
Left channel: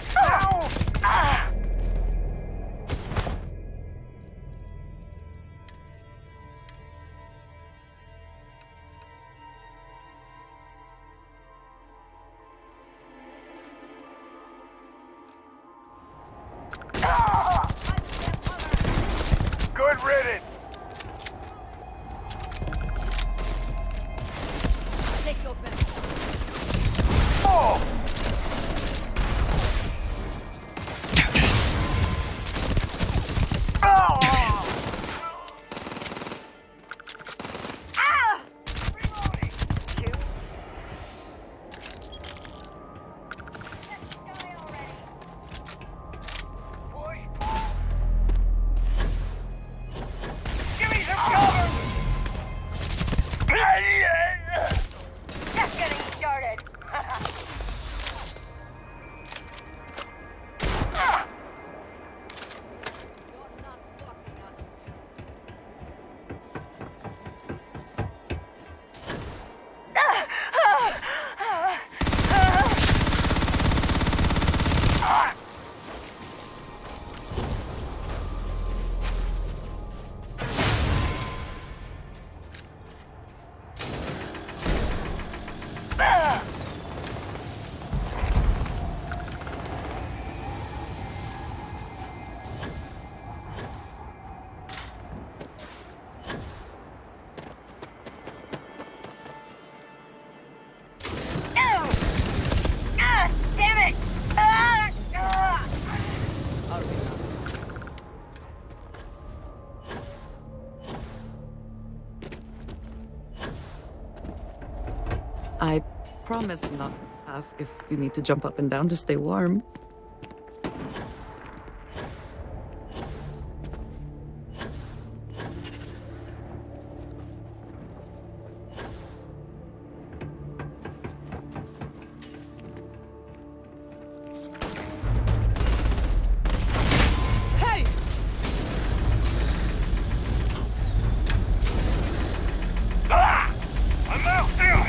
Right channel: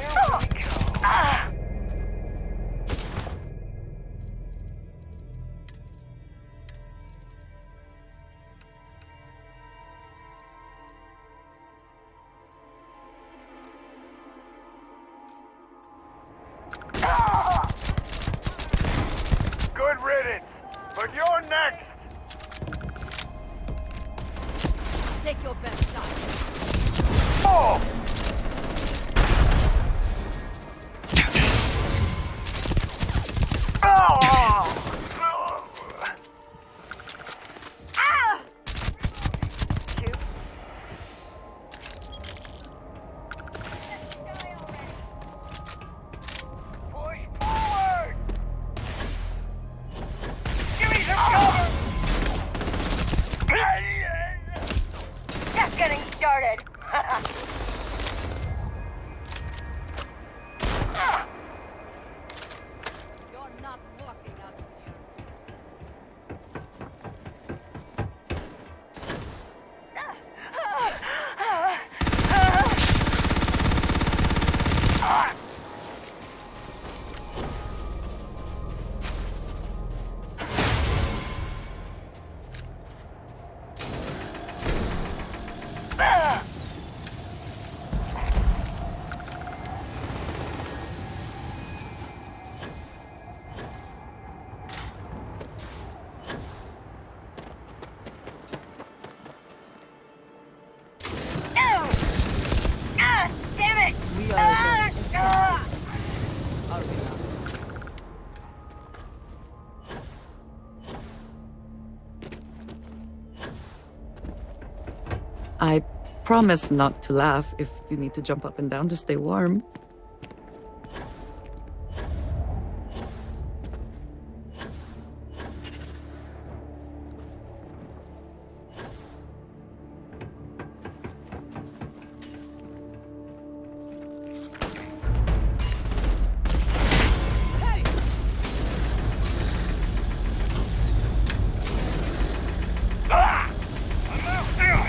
Good riddance! But you're next! Take your best shot. Oh! Just getting started. You're not walking out of here. Damn it! I promise not to laugh if you need to jump up and down to stay warm. Hey! I'm out there!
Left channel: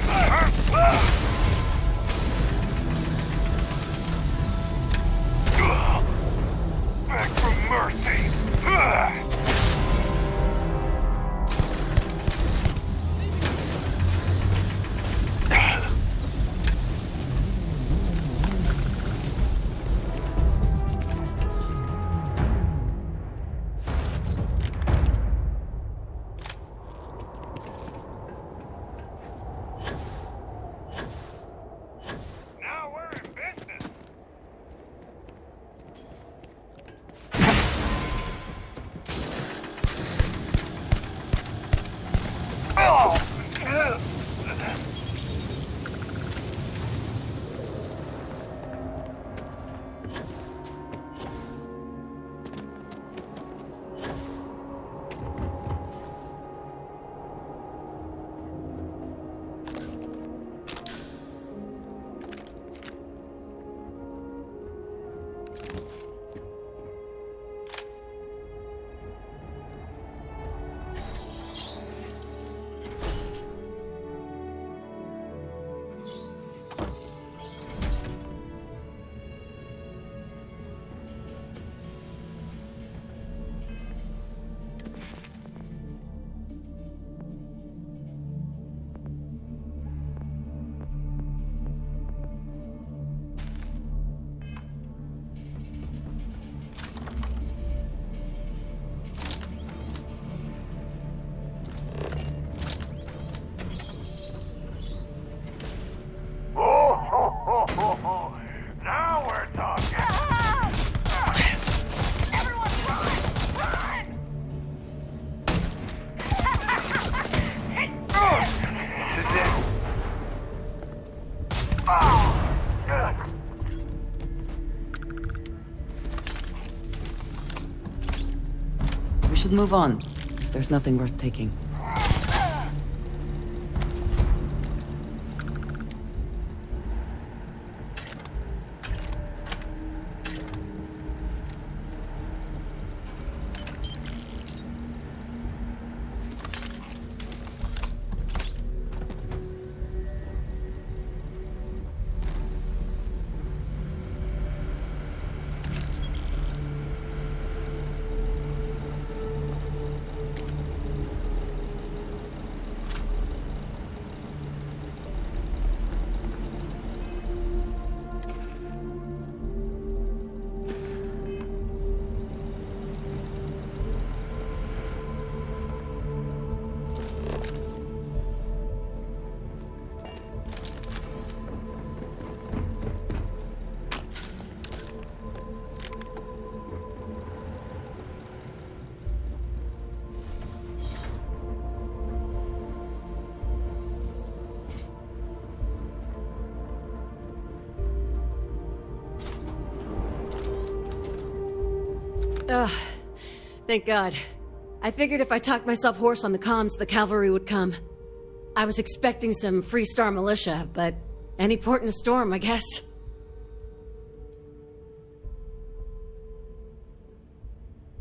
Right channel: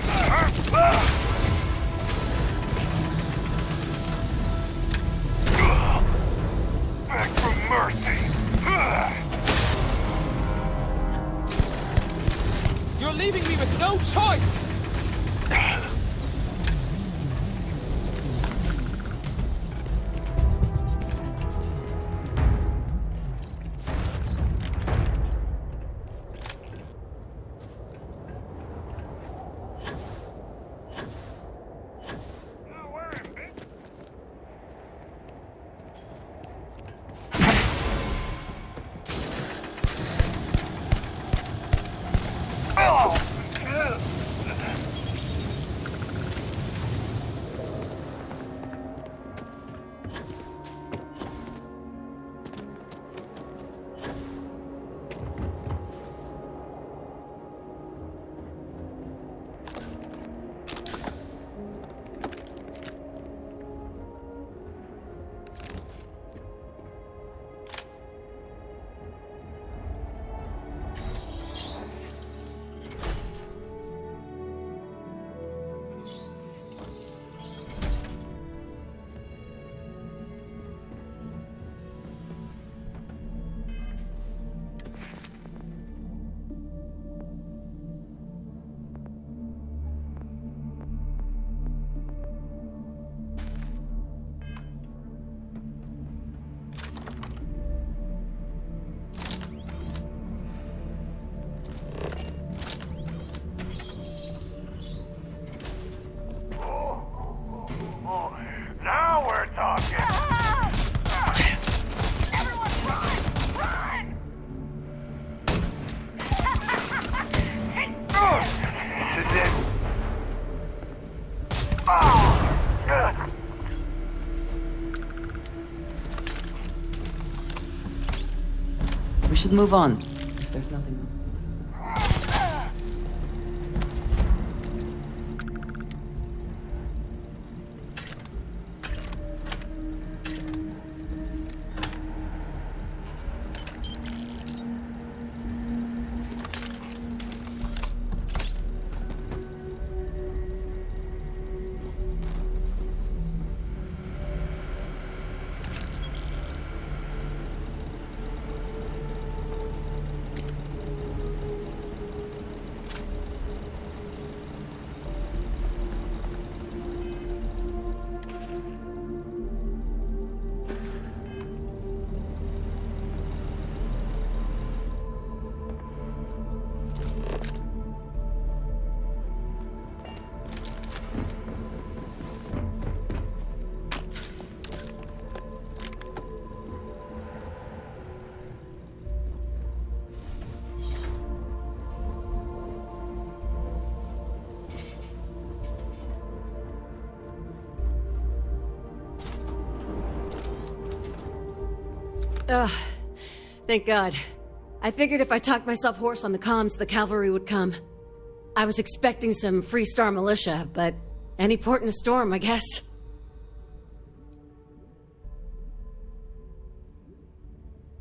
should move on, if there's nothing worth taking. Ugh. Thank God. I figured if I talked myself hoarse on the comms, the cavalry would come. I was expecting some Freestar militia, but any port in a storm, I guess.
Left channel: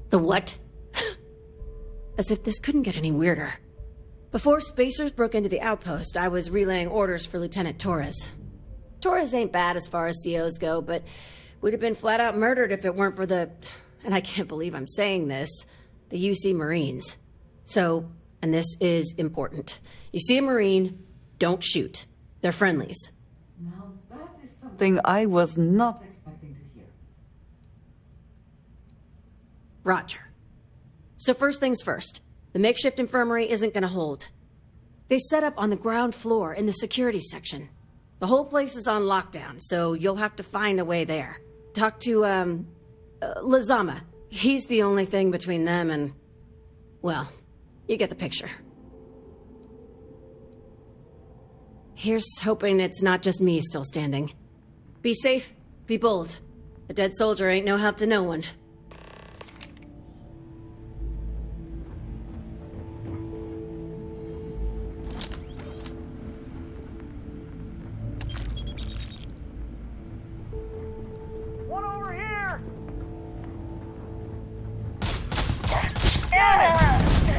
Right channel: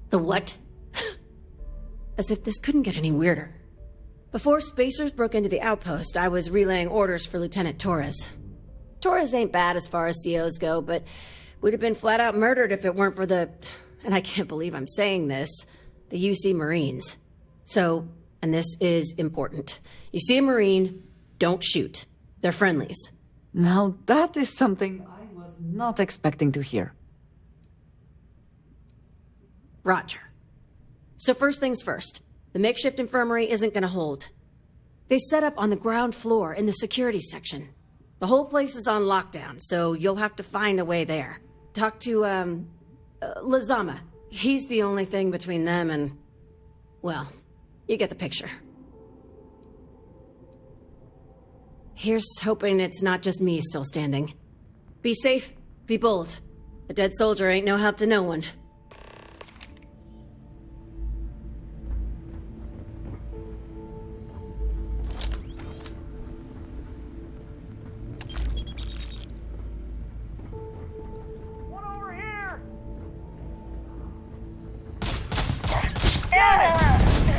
The what? As if this couldn't get any weirder. Before Spacers broke into the outpost, I was relaying orders for Lieutenant Torres. Torres ain't bad as far as COs go, but we'd have been flat out murdered if it weren't for the... and I can't believe I'm saying this, the UC Marines. So, and this is important. You see a Marine, don't shoot. They're friendlies. Now that is something I was not expecting to hear. Roger. So first things first, the makeshift infirmary isn't gonna hold. They set up on the ground floor in the security section. The whole place is on lockdown, so you'll have to find a way there. Talk to, Lazama. He's the only thing between them and... well, you get the picture. Here's hoping it's not just me still standing. Be safe, be bold. A dead soldier ain't no help to no one.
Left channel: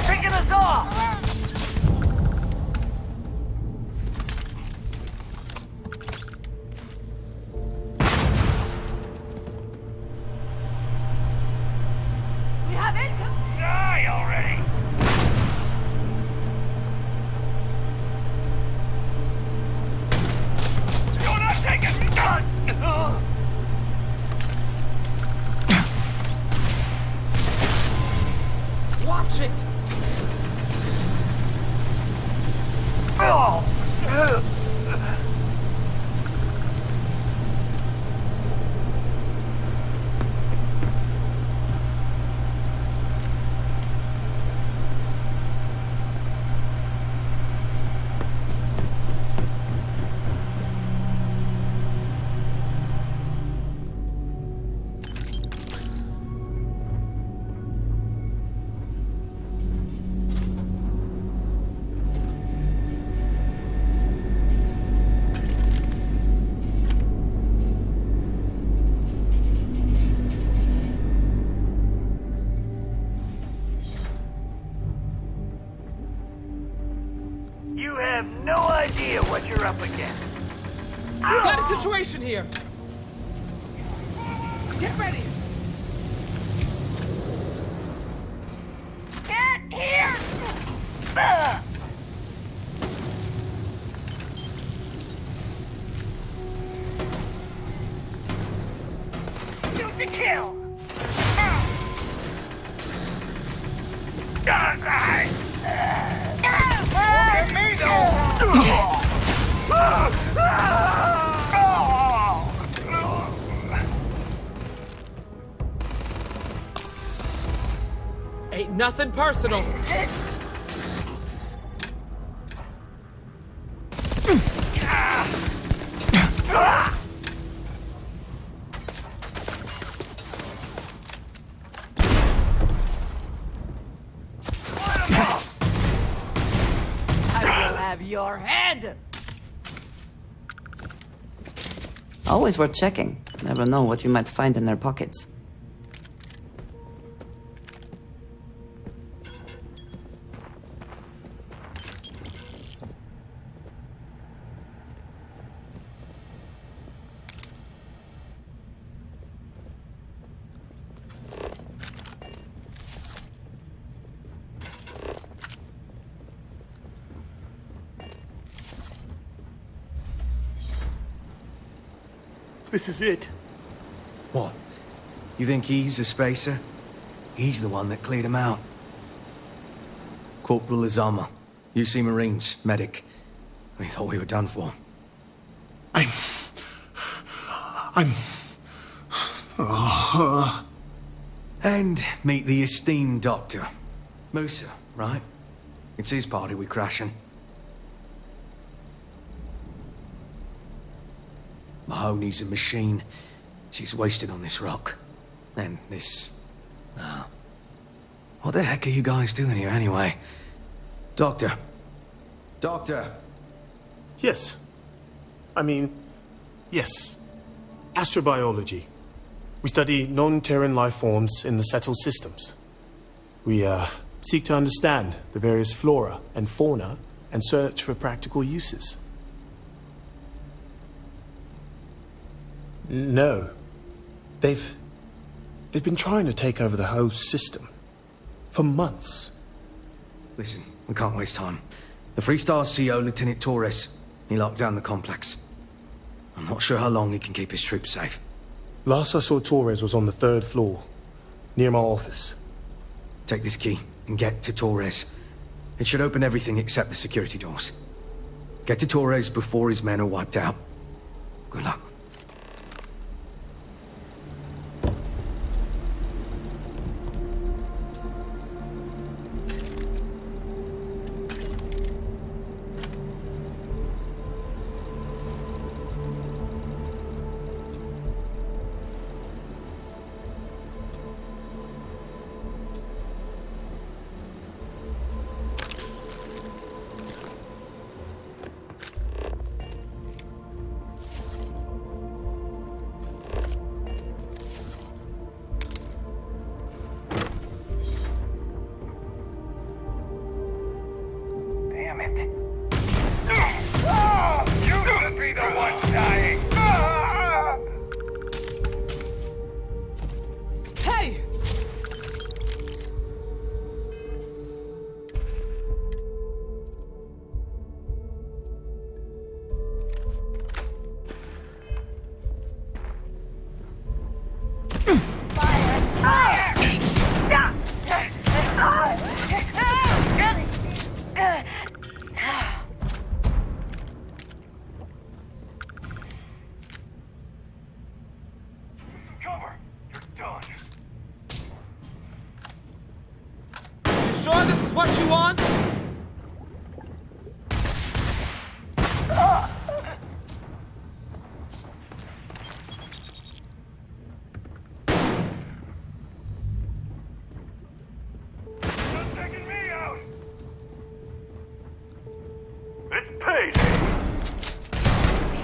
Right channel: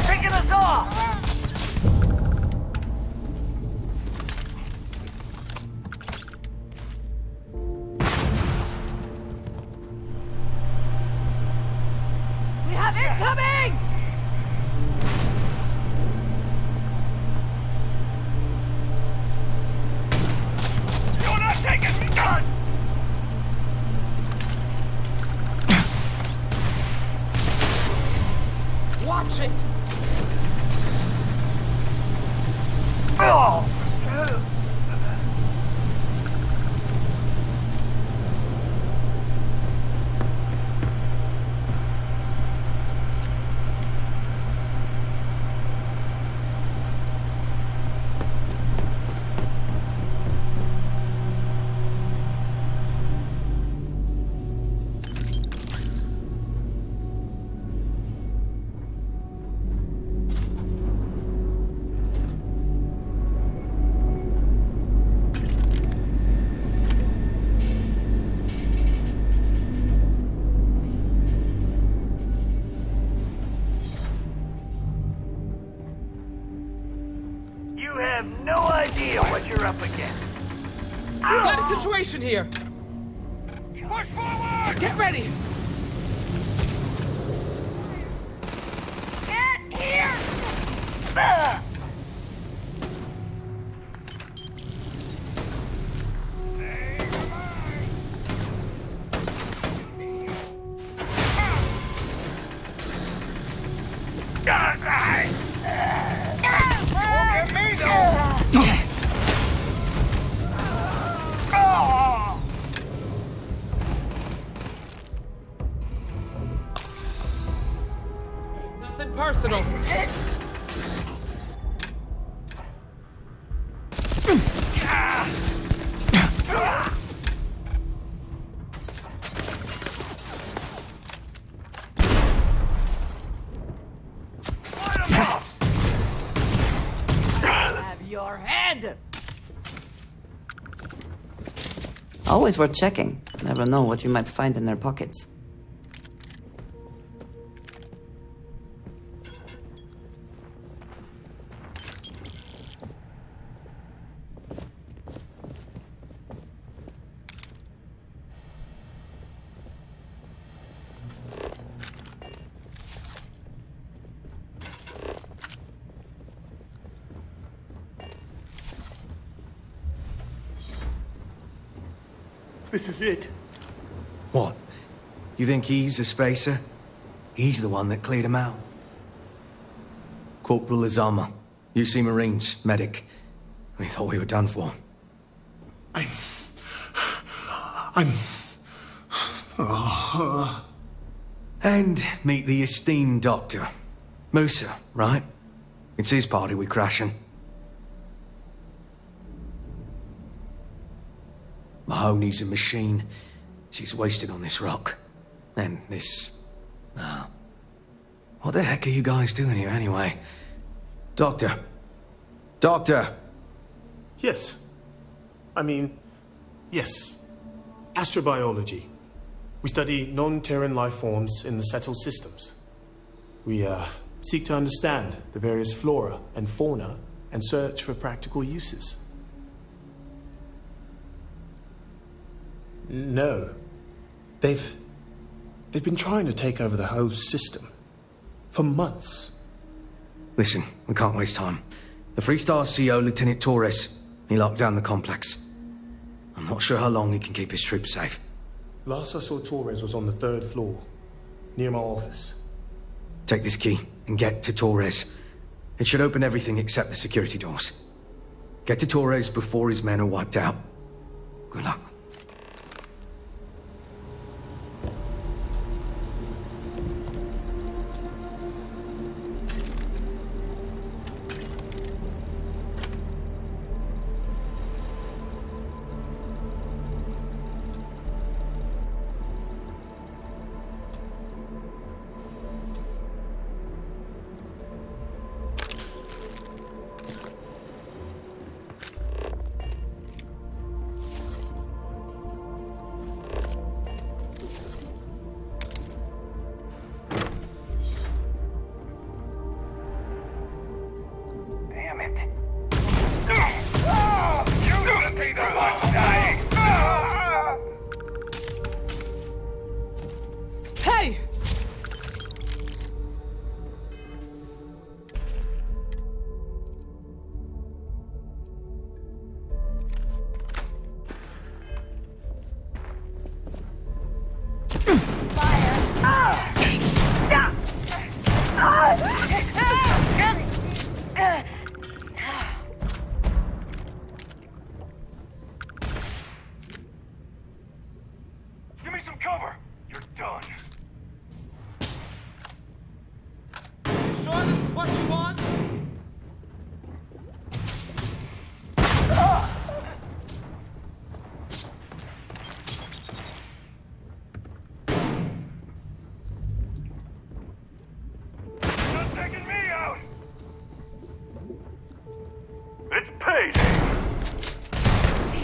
Picking us off! We have incoming! Die already! You're not taking... Watch it! You have no idea what you're up against. Got a situation here! Push forward! Get ready! Get here! Ugh. Shoot to kill! Won't get me though! Ain't nothing personal. Always worth checking. Never know what you might find in their pockets. This is it. What? You think he's a spacer? He's the one that cleared him out. Corporal Azama, UC Marines, medic. We thought we were done for. And meet the esteemed doctor. Musa, right? It's his party we're crashing. Mahoney's a machine. She's wasted on this rock. And this... what the heck are you guys doing here anyway? Doctor. Doctor! Yes. Yes. Astrobiology. We study non-Terran life forms in the settled systems. We, seek to understand the various flora and fauna and search for practical uses. No. They've been trying to take over the whole system. For months. Listen, we can't waste time. The Freestar CO, Lieutenant Torres, he locked down the complex. I'm not sure how long he can keep his troops safe. Last I saw Torres was on the 3rd floor, near my office. Take this key and get to Torres. It should open everything except the security doors. Get to Torres before his men are wiped out. Good luck. Damn it. You should be the one dying. Hey! Give me some cover. You're done. You sure this is what you want? You're taking me out. It's payday.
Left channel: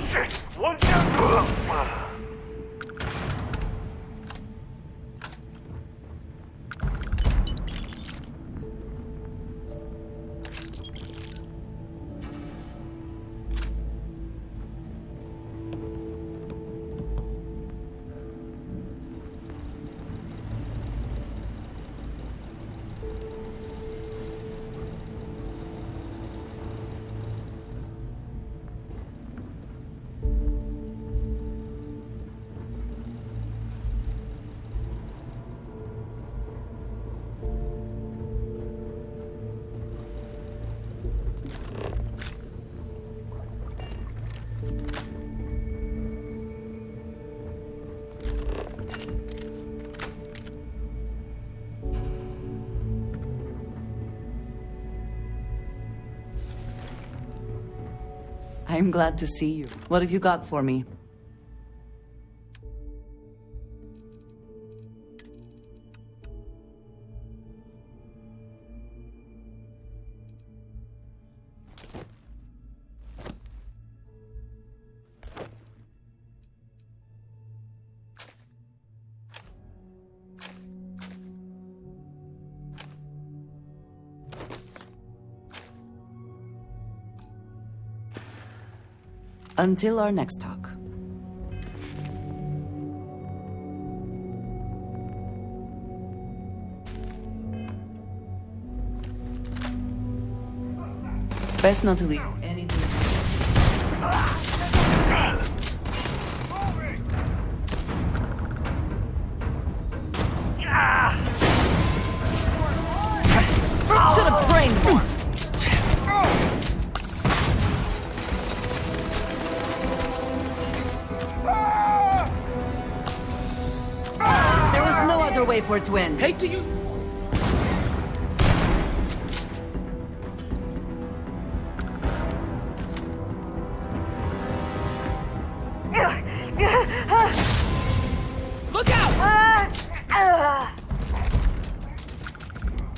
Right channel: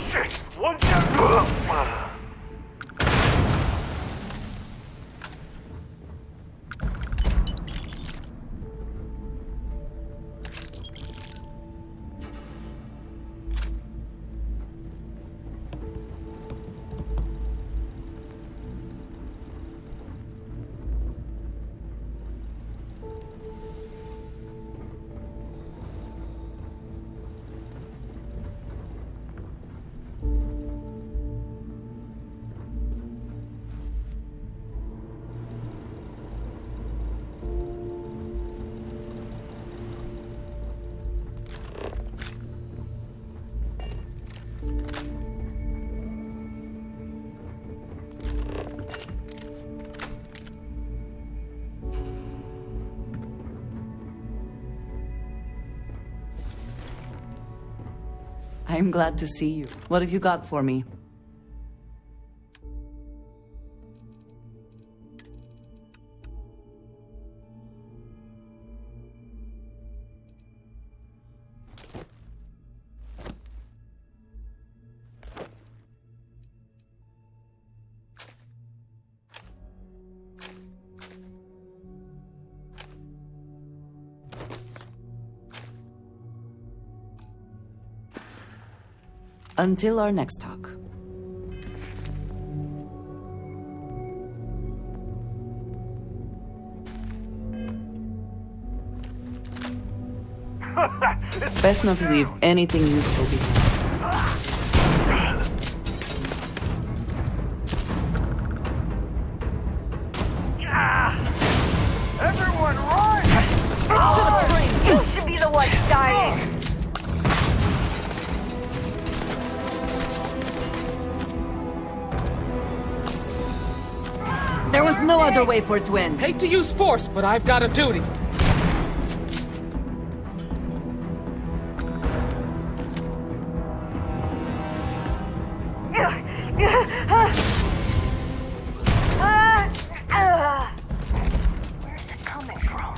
Shit. One shot. I'm glad to see you. What have you got for me? Until our next talk. Best not to leave anything useful behind. Everyone run! To the brain! To be the one dying. There was no other way for it to end. Hate to use force, but I've got a duty. Look out! Where's it coming from?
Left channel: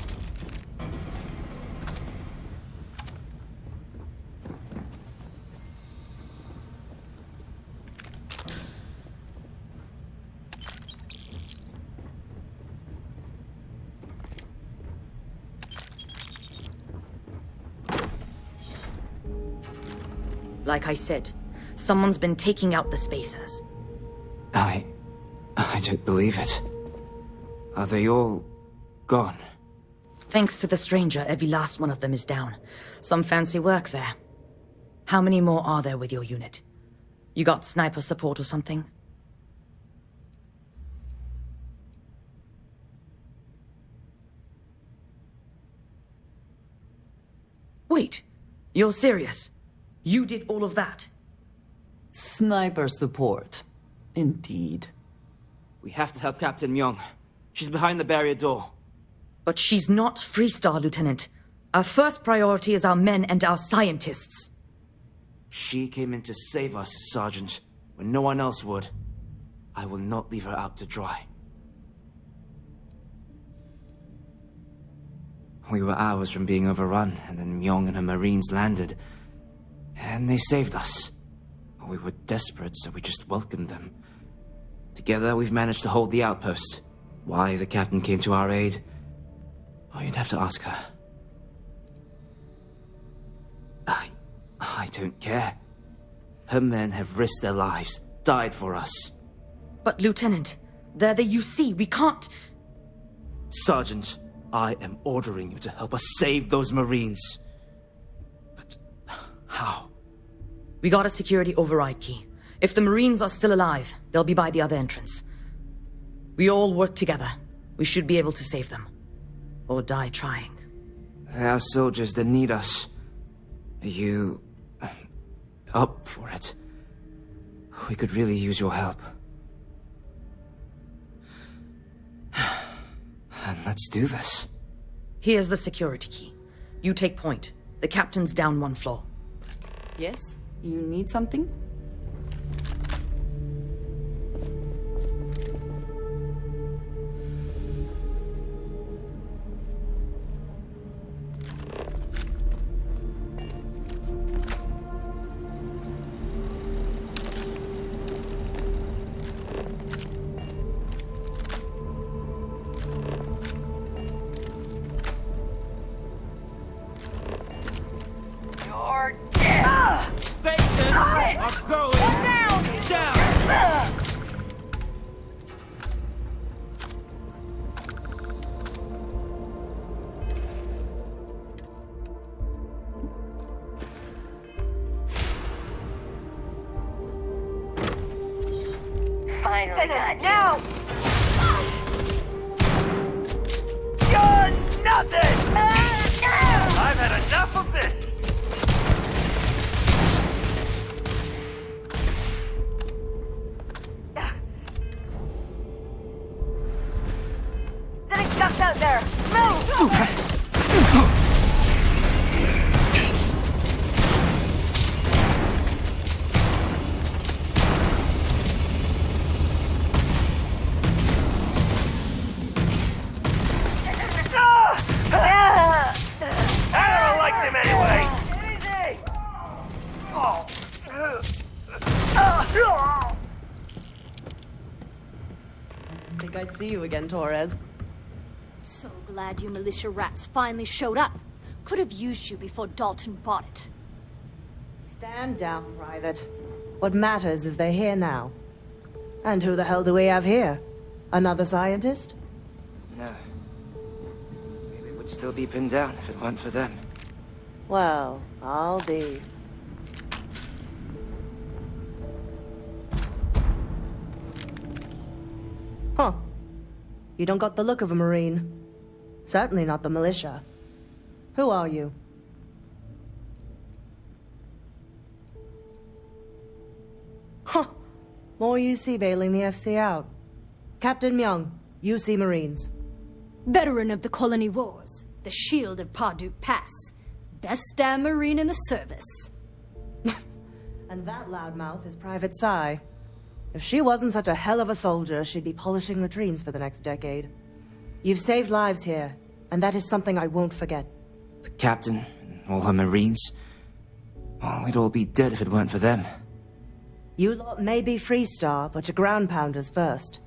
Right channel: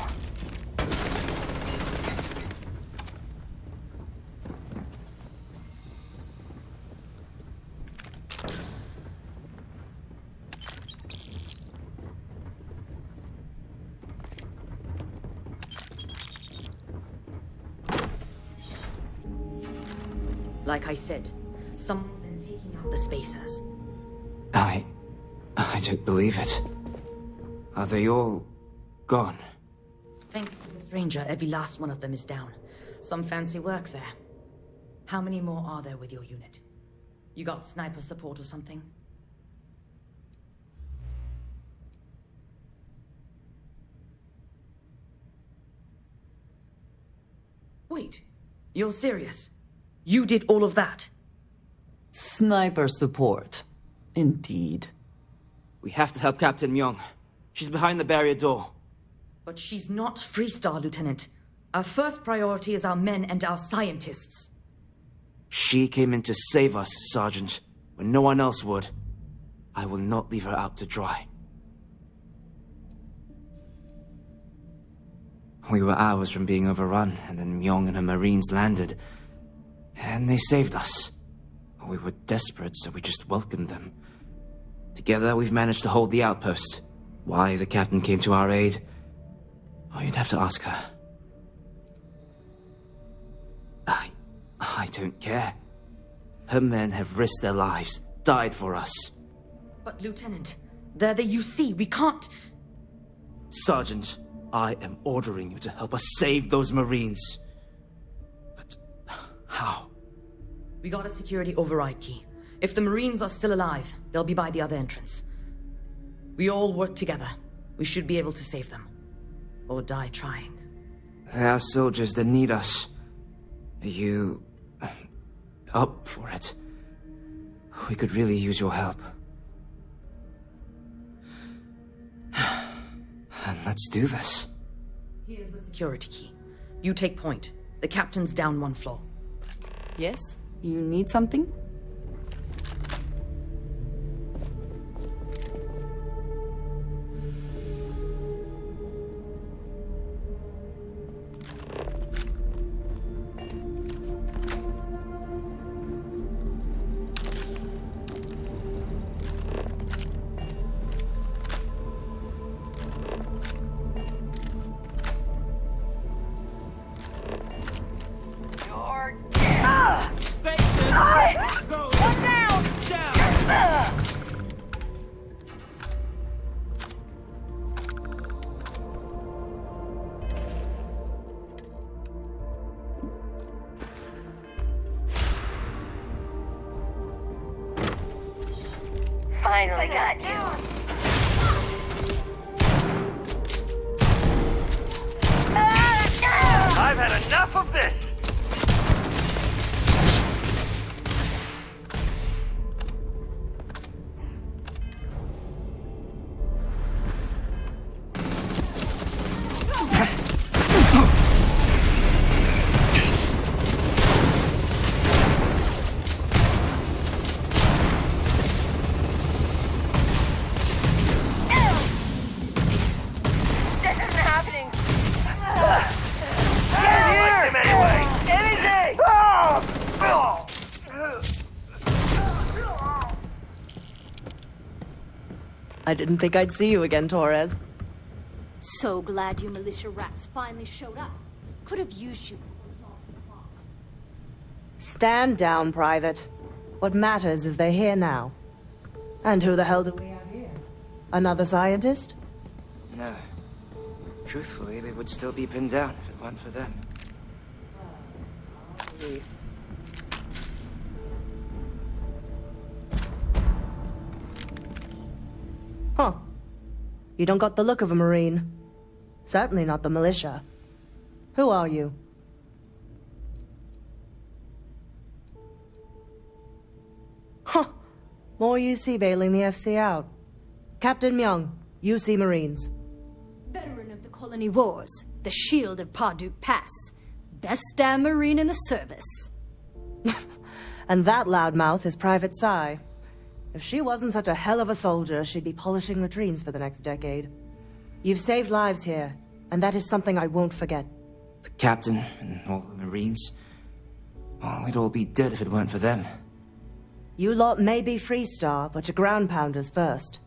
Like I said, someone's been taking out the spacers. I don't believe it. Are they all gone? Thanks to the stranger, every last one of them is down. Some fancy work there. How many more are there with your unit? You got sniper support or something? Wait, you're serious? You did all of that? Sniper support. Indeed. We have to help Captain Myung. She's behind the barrier door. But she's not Freestar, Lieutenant. Our first priority is our men and our scientists. She came in to save us, Sergeant, when no one else would. I will not leave her out to dry. We were hours from being overrun, and then Myung and her Marines landed. And they saved us. We were desperate, so we just welcomed them. Together, we've managed to hold the outpost. Why the captain came to our aid? Oh, you'd have to ask her. I don't care. Her men have risked their lives, died for us. But, Lieutenant, they're the UC. We can't... Sergeant, I am ordering you to help us save those Marines. But how? We got a security override key. If the Marines are still alive, they'll be by the other entrance. We all work together. We should be able to save them. Or die trying. There are soldiers that need us. Are you... up for it? We could really use your help. And let's do this. Here's the security key. You take point. The captain's down one floor. Yes? You need something? Finally got you. You're nothing! I've had enough of this! Getting stuck out there. Move! I didn't think I'd see you again, Torres. So glad you militia rats finally showed up. Could have used you before Dalton bought it. Stand down, Private. What matters is they're here now. And who the hell do we have here? Another scientist? No. Truthfully, we would still be pinned down if it weren't for them. Well, I'll be... Huh. You don't got the look of a Marine. Certainly not the militia. Who are you? Huh. More UC bailing the FC out. Captain Myung, UC Marines. Veteran of the Colony Wars, the shield of Parduk Pass. Best damn Marine in the service. And that loudmouth is Private Psy. If she wasn't such a hell of a soldier, she'd be polishing latrines for the next decade. You've saved lives here, and that is something I won't forget. The captain and all her Marines. Oh, we'd all be dead if it weren't for them. You lot may be Freestar, but you're ground pounders first.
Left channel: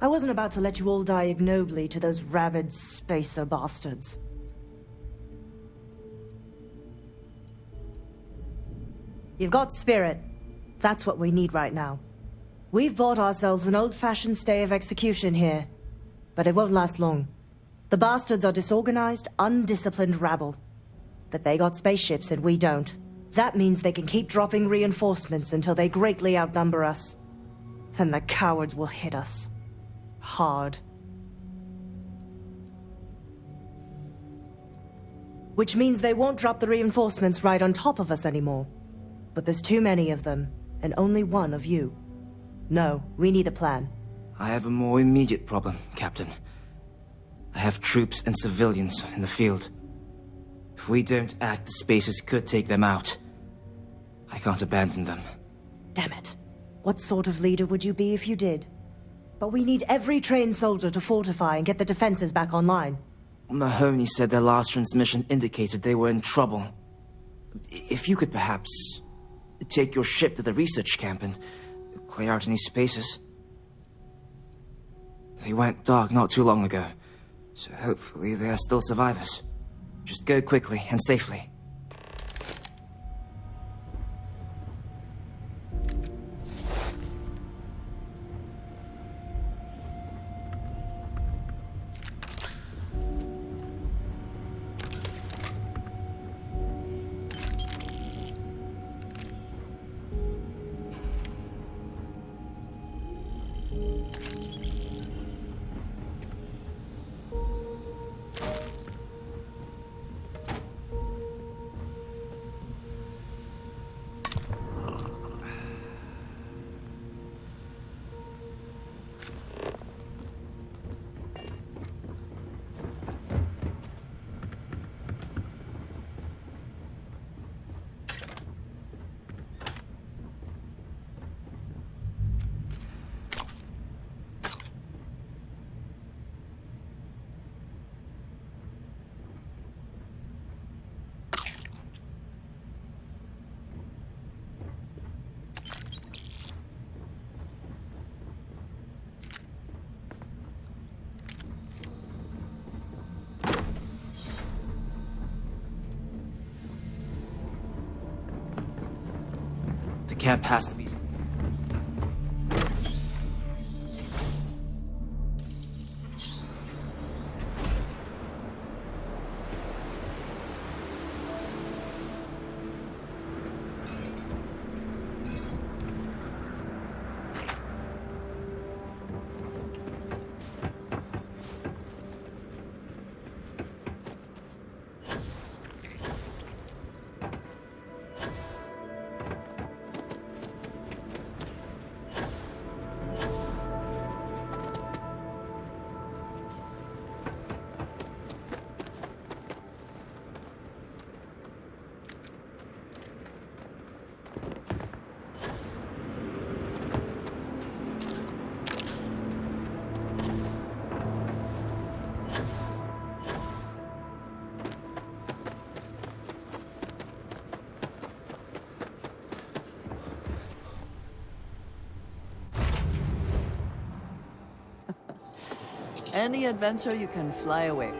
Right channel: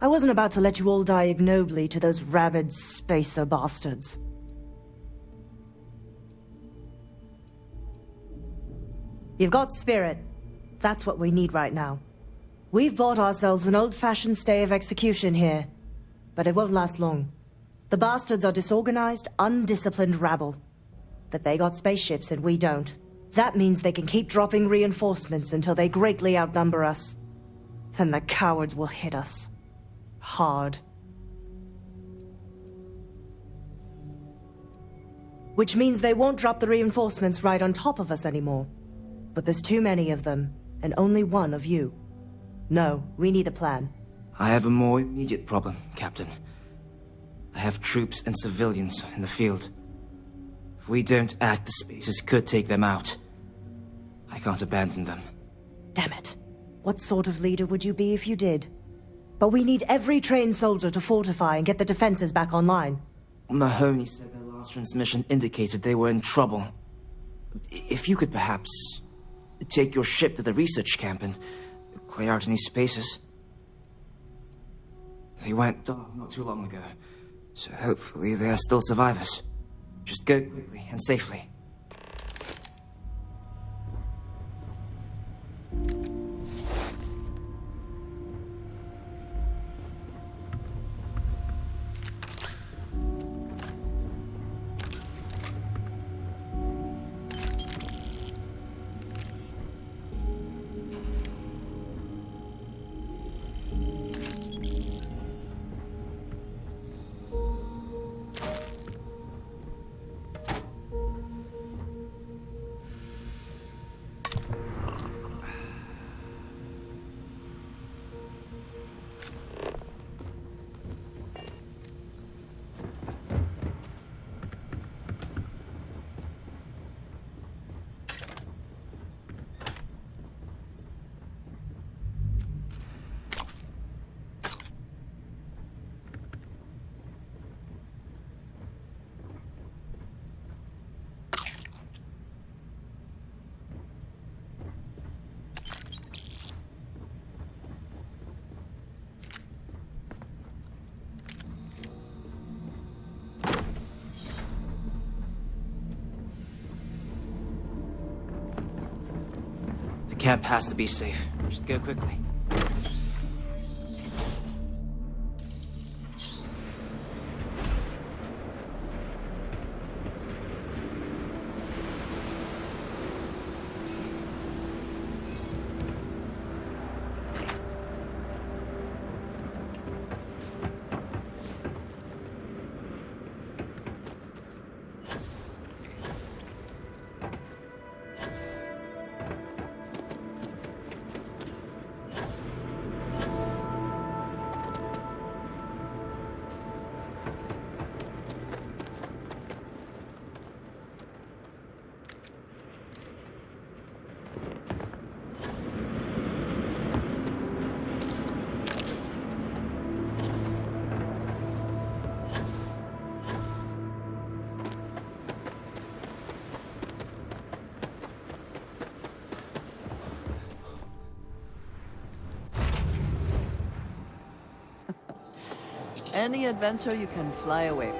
I wasn't about to let you all die ignobly to those rabid spacer bastards. You've got spirit. That's what we need right now. We've bought ourselves an old-fashioned stay of execution here, but it won't last long. The bastards are disorganized, undisciplined rabble. But they got spaceships and we don't. That means they can keep dropping reinforcements until they greatly outnumber us. Then the cowards will hit us. Hard. Which means they won't drop the reinforcements right on top of us anymore. But there's too many of them, and only one of you. No, we need a plan. I have a more immediate problem, Captain. I have troops and civilians in the field. If we don't act, the Spacers could take them out. I can't abandon them. Damn it. What sort of leader would you be if you did? But we need every trained soldier to fortify and get the defenses back online. Mahoney said their last transmission indicated they were in trouble. If you could perhaps take your ship to the research camp and clear out any spaces. They went dark not too long ago, so hopefully they are still survivors. Just go quickly and safely. The camp has to be safe. Just go quickly. Any adventure you can fly away.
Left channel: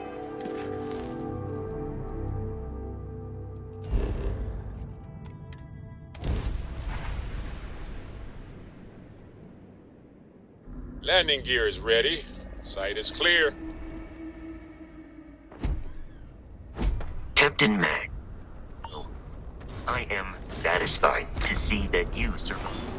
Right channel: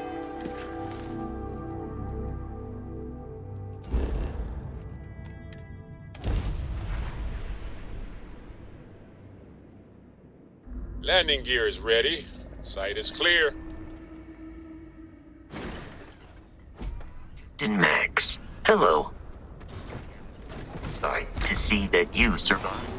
Landing gear is ready. Sight is clear. Captain Max, hello. I am satisfied to see that you survived.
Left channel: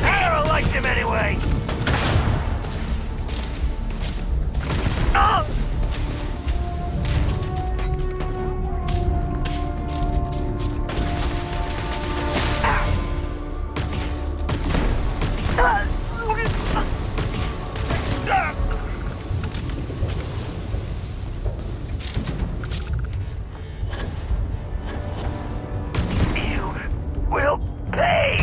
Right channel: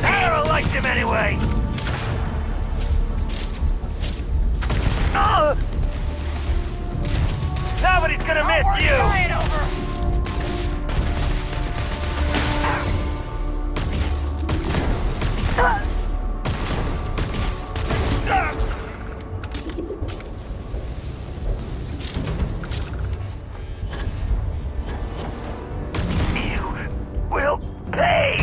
I liked him anyway! Nobody's gonna miss you! You will pay!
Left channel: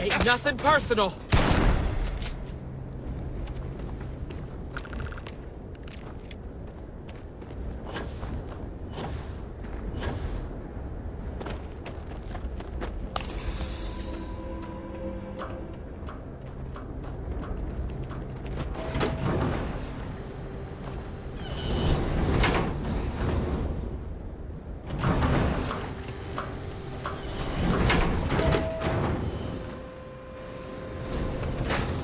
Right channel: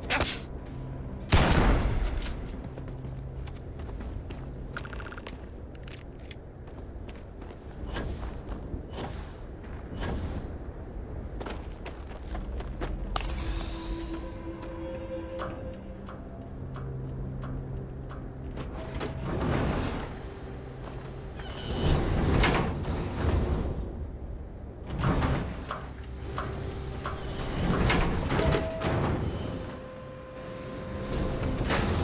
Ain't nothing personal.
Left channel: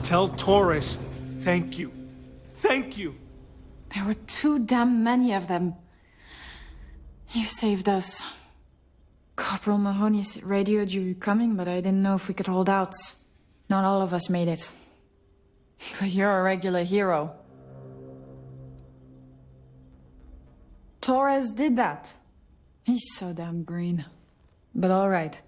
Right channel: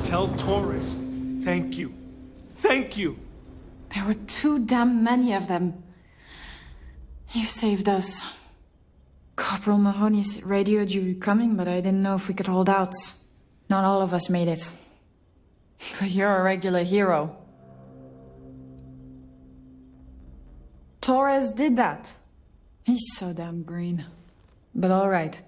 Tell Torres, thank you. Thank you. There were too damn many of them. You saved us. Corporal Mahoney radioed you coming, but I didn't know if we could hold out. Not all of us made it. But you're a regular hero. Torres did that. He's so damn green. But all right.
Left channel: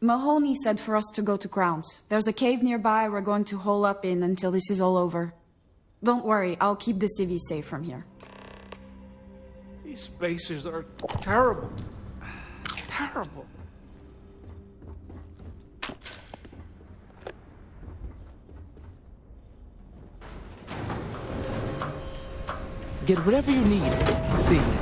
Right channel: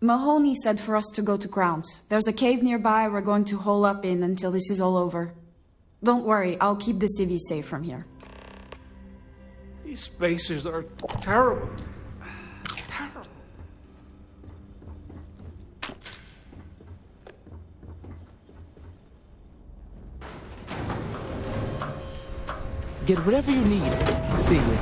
Mahoney said for us to go to Grounds. There's a cave nearby we're going to hole up in until this is all over. Don't worry, I'll keep the civvies safe from here. These spacers are terrible. Terrible. Get whatever you need. See you.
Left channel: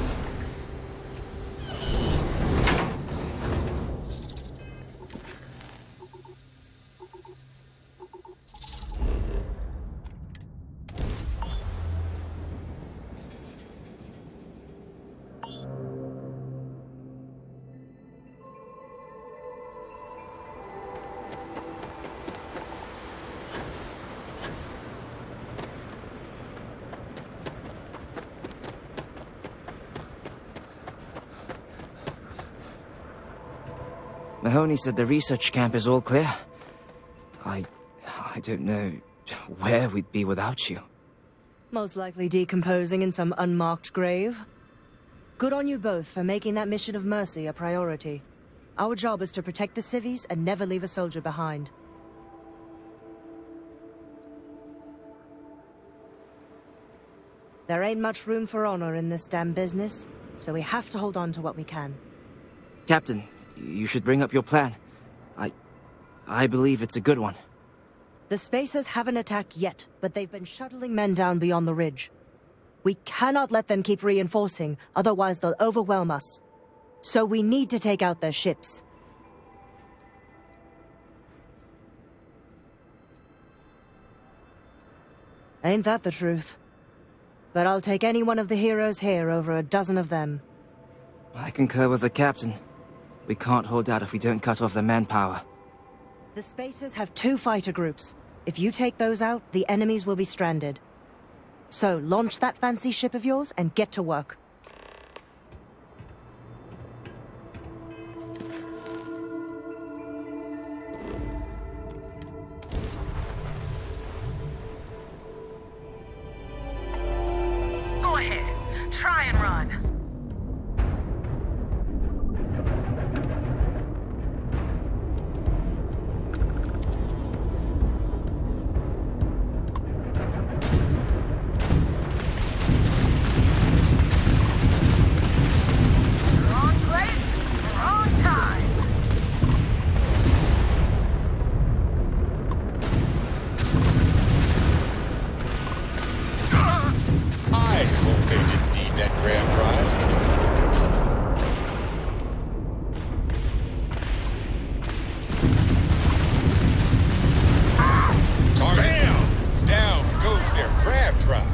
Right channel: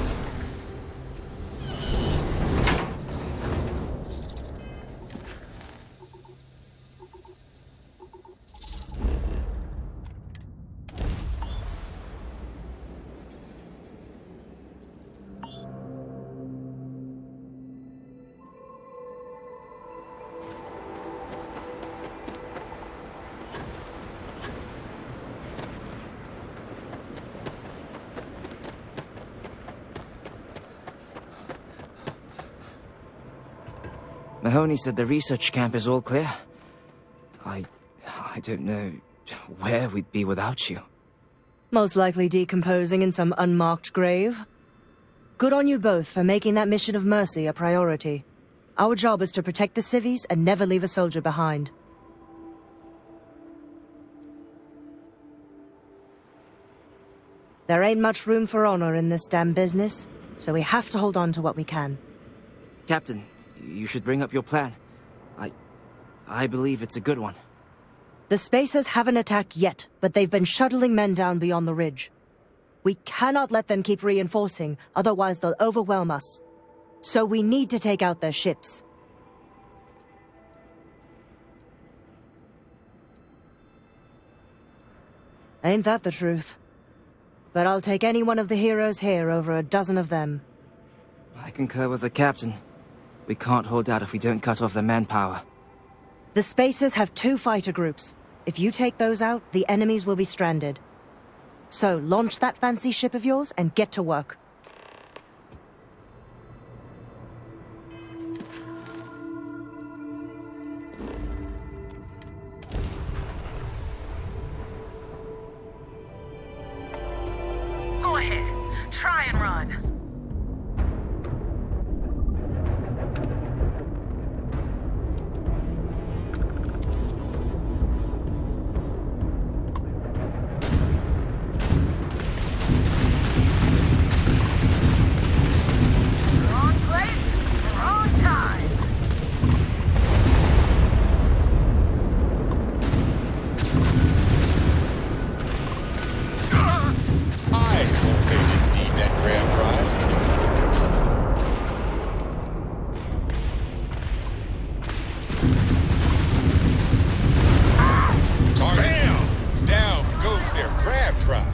Mahoney said the research camp is all clear. I don't know where we'd be without you. Most likely decomposing in some unmarked grave. Good on you both for making that mission of mercy a priority. Our job is to protect the civvies and never leave a soldier behind. There ain't much room for honor in this damn business, so we have to hold on to what we can. Captain, you should bring up your plan. I believe it's a good one. The Spacers haven't attacked yet, but they've been shuttling men down beyond the ridge. We cannot let them keep reinforcing, otherwise they'll overwhelm us. So we need to take out their ships. Ain't that the truth? But I'll take any one of the heroes here over a dozen of them. I concur with the captain. We can't hold out if we don't cut off their manpower. The Spacers have 2 fighter groups. If you take those out, the enemies will be stranded. So, launch that fancy ship of yours and get to work. Go ahead. Try and run. Wrong place, wrong time. I hope they didn't need that grab drive. Target. Bam! Down goes their grab drive.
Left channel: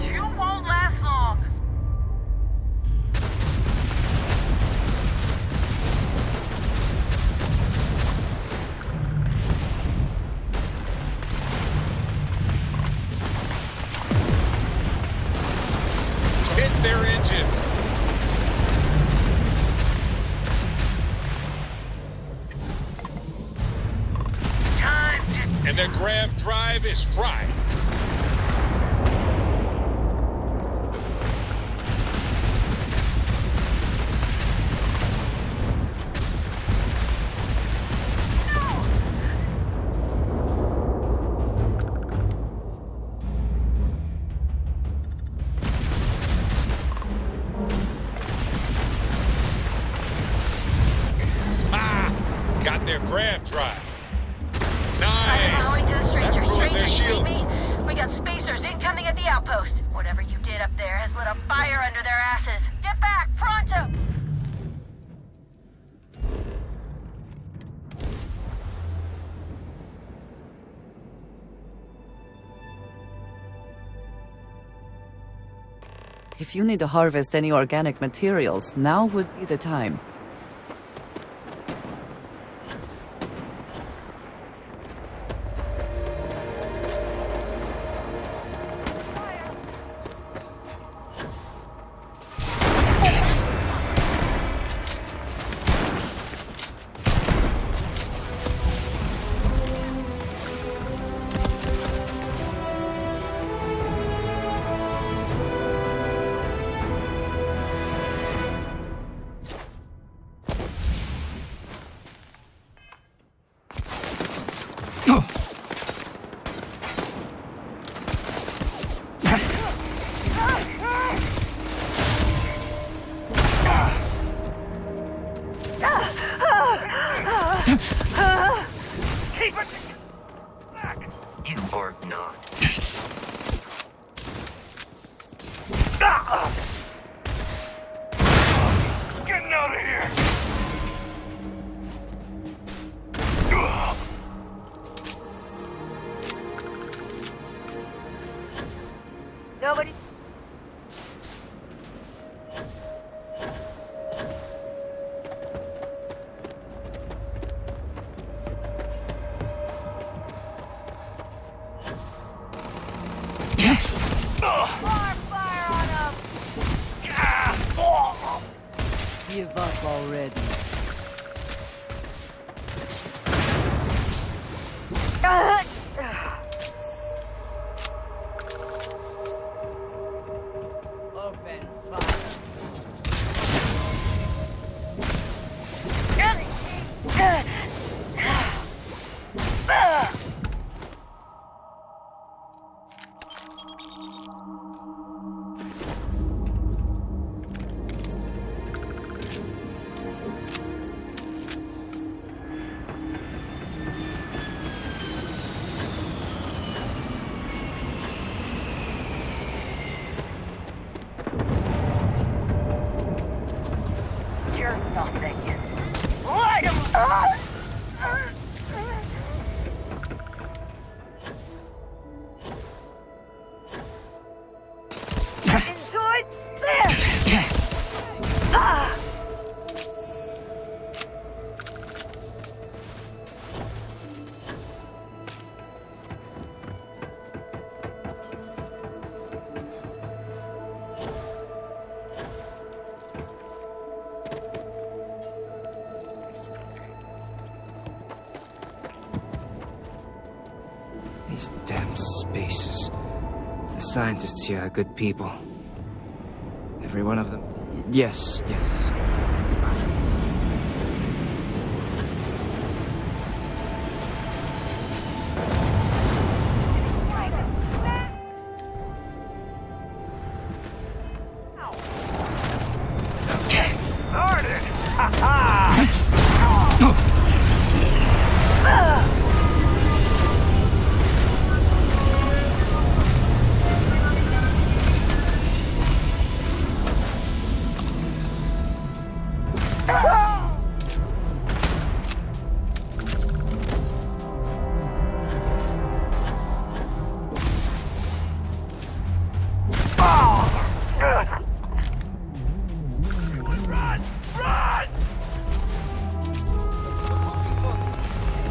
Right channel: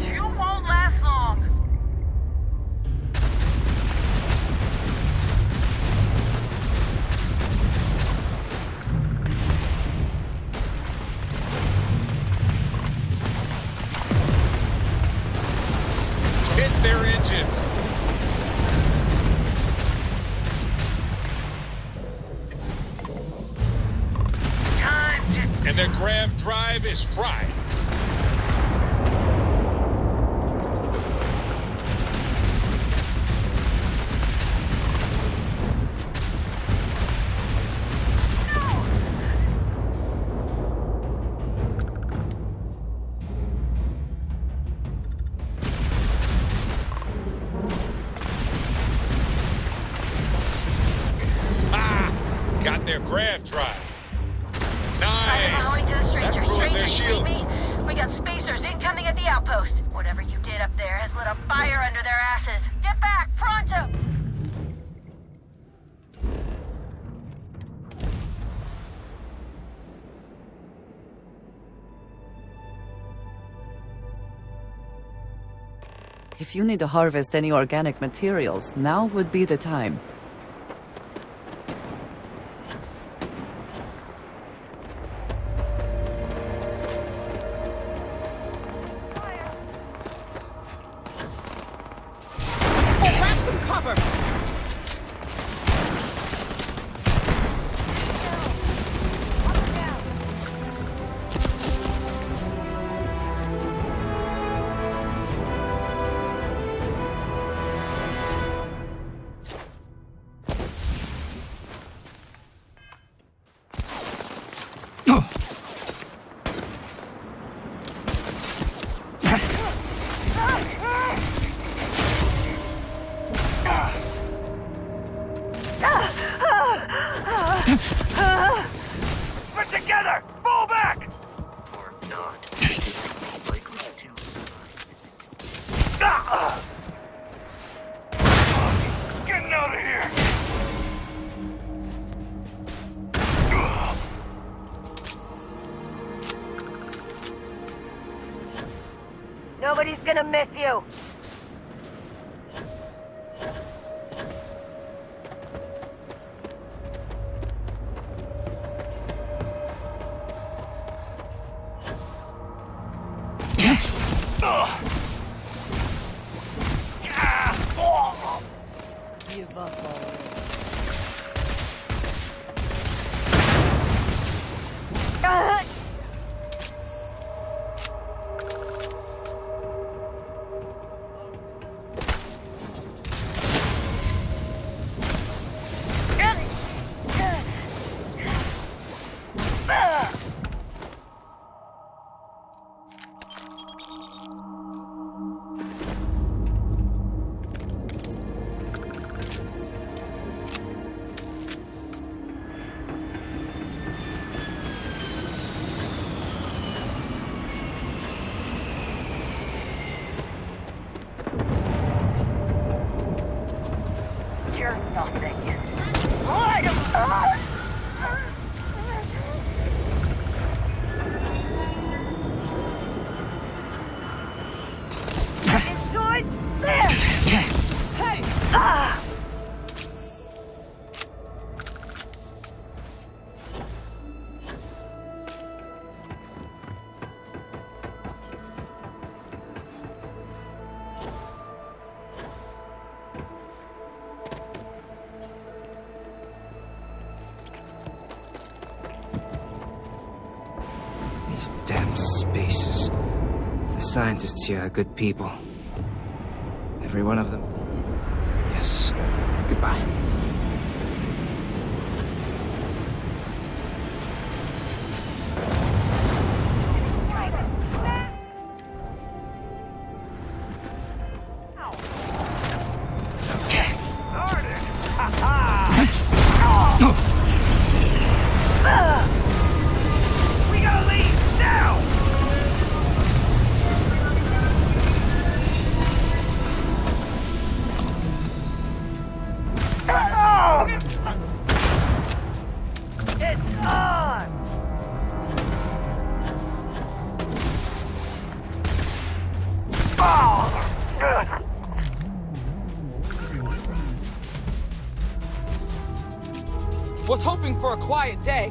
You won't last long. Hit their engines. And their grab drive is fried. Ah! Got their grab drive. Nice! That ruined their shields. We got Spacers incoming at the outpost. Whatever you did up there has lit a fire under their asses. Get back, pronto! If you need to harvest any organic materials, now would be the time. Keep it together! Fall back! You are not. Getting out of here! Nobody's gonna miss you. Give up already. Open fire. scientists here are good people. Every one of them. Yes. Goodbye. Was hoping for a quiet day.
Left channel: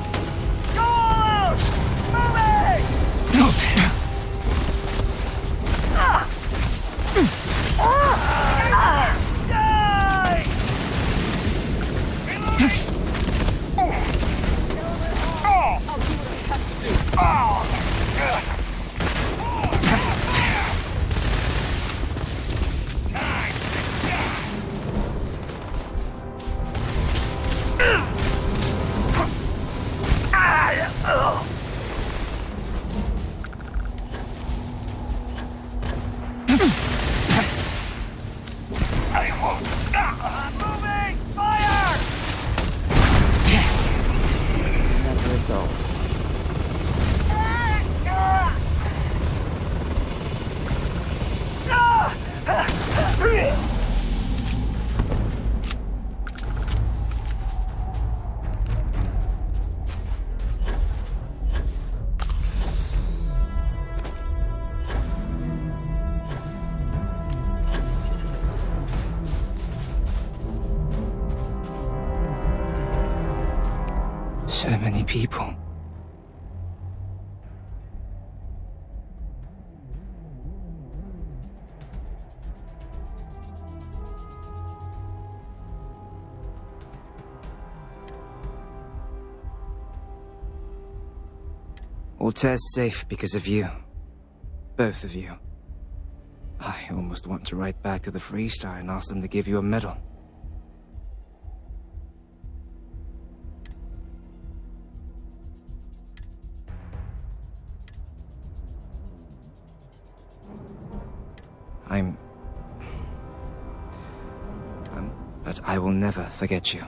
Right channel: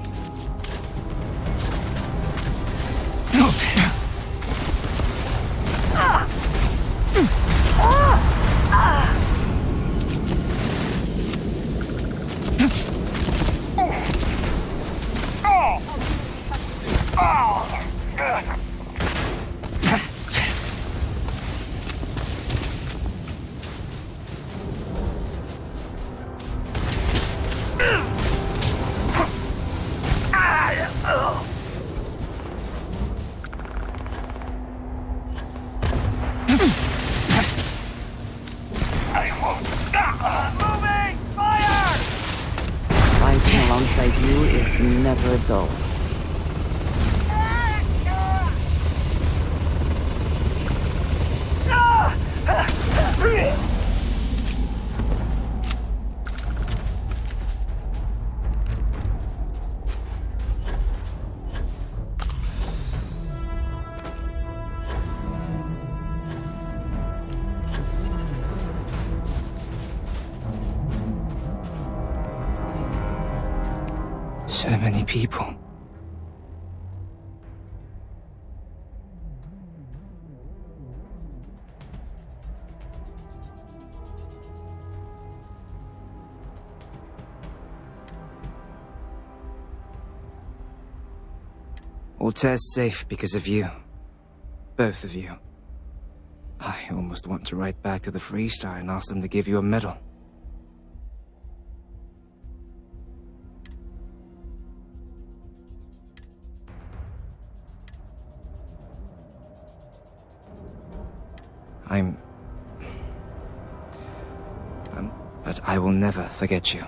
Never dull. So many people. Altair's safe because of you. Both of you. I almost want to write back to the Freestar and ask them to give you a medal. But I will never forget you.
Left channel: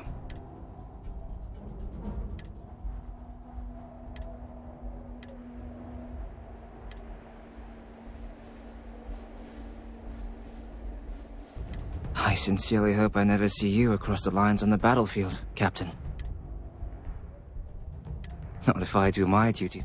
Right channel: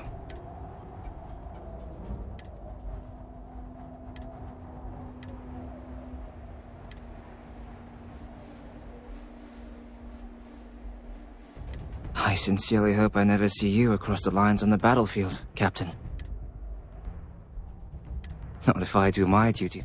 I sincerely hope I never see you across the lines on the battlefield, Captain. Not if I do my duty.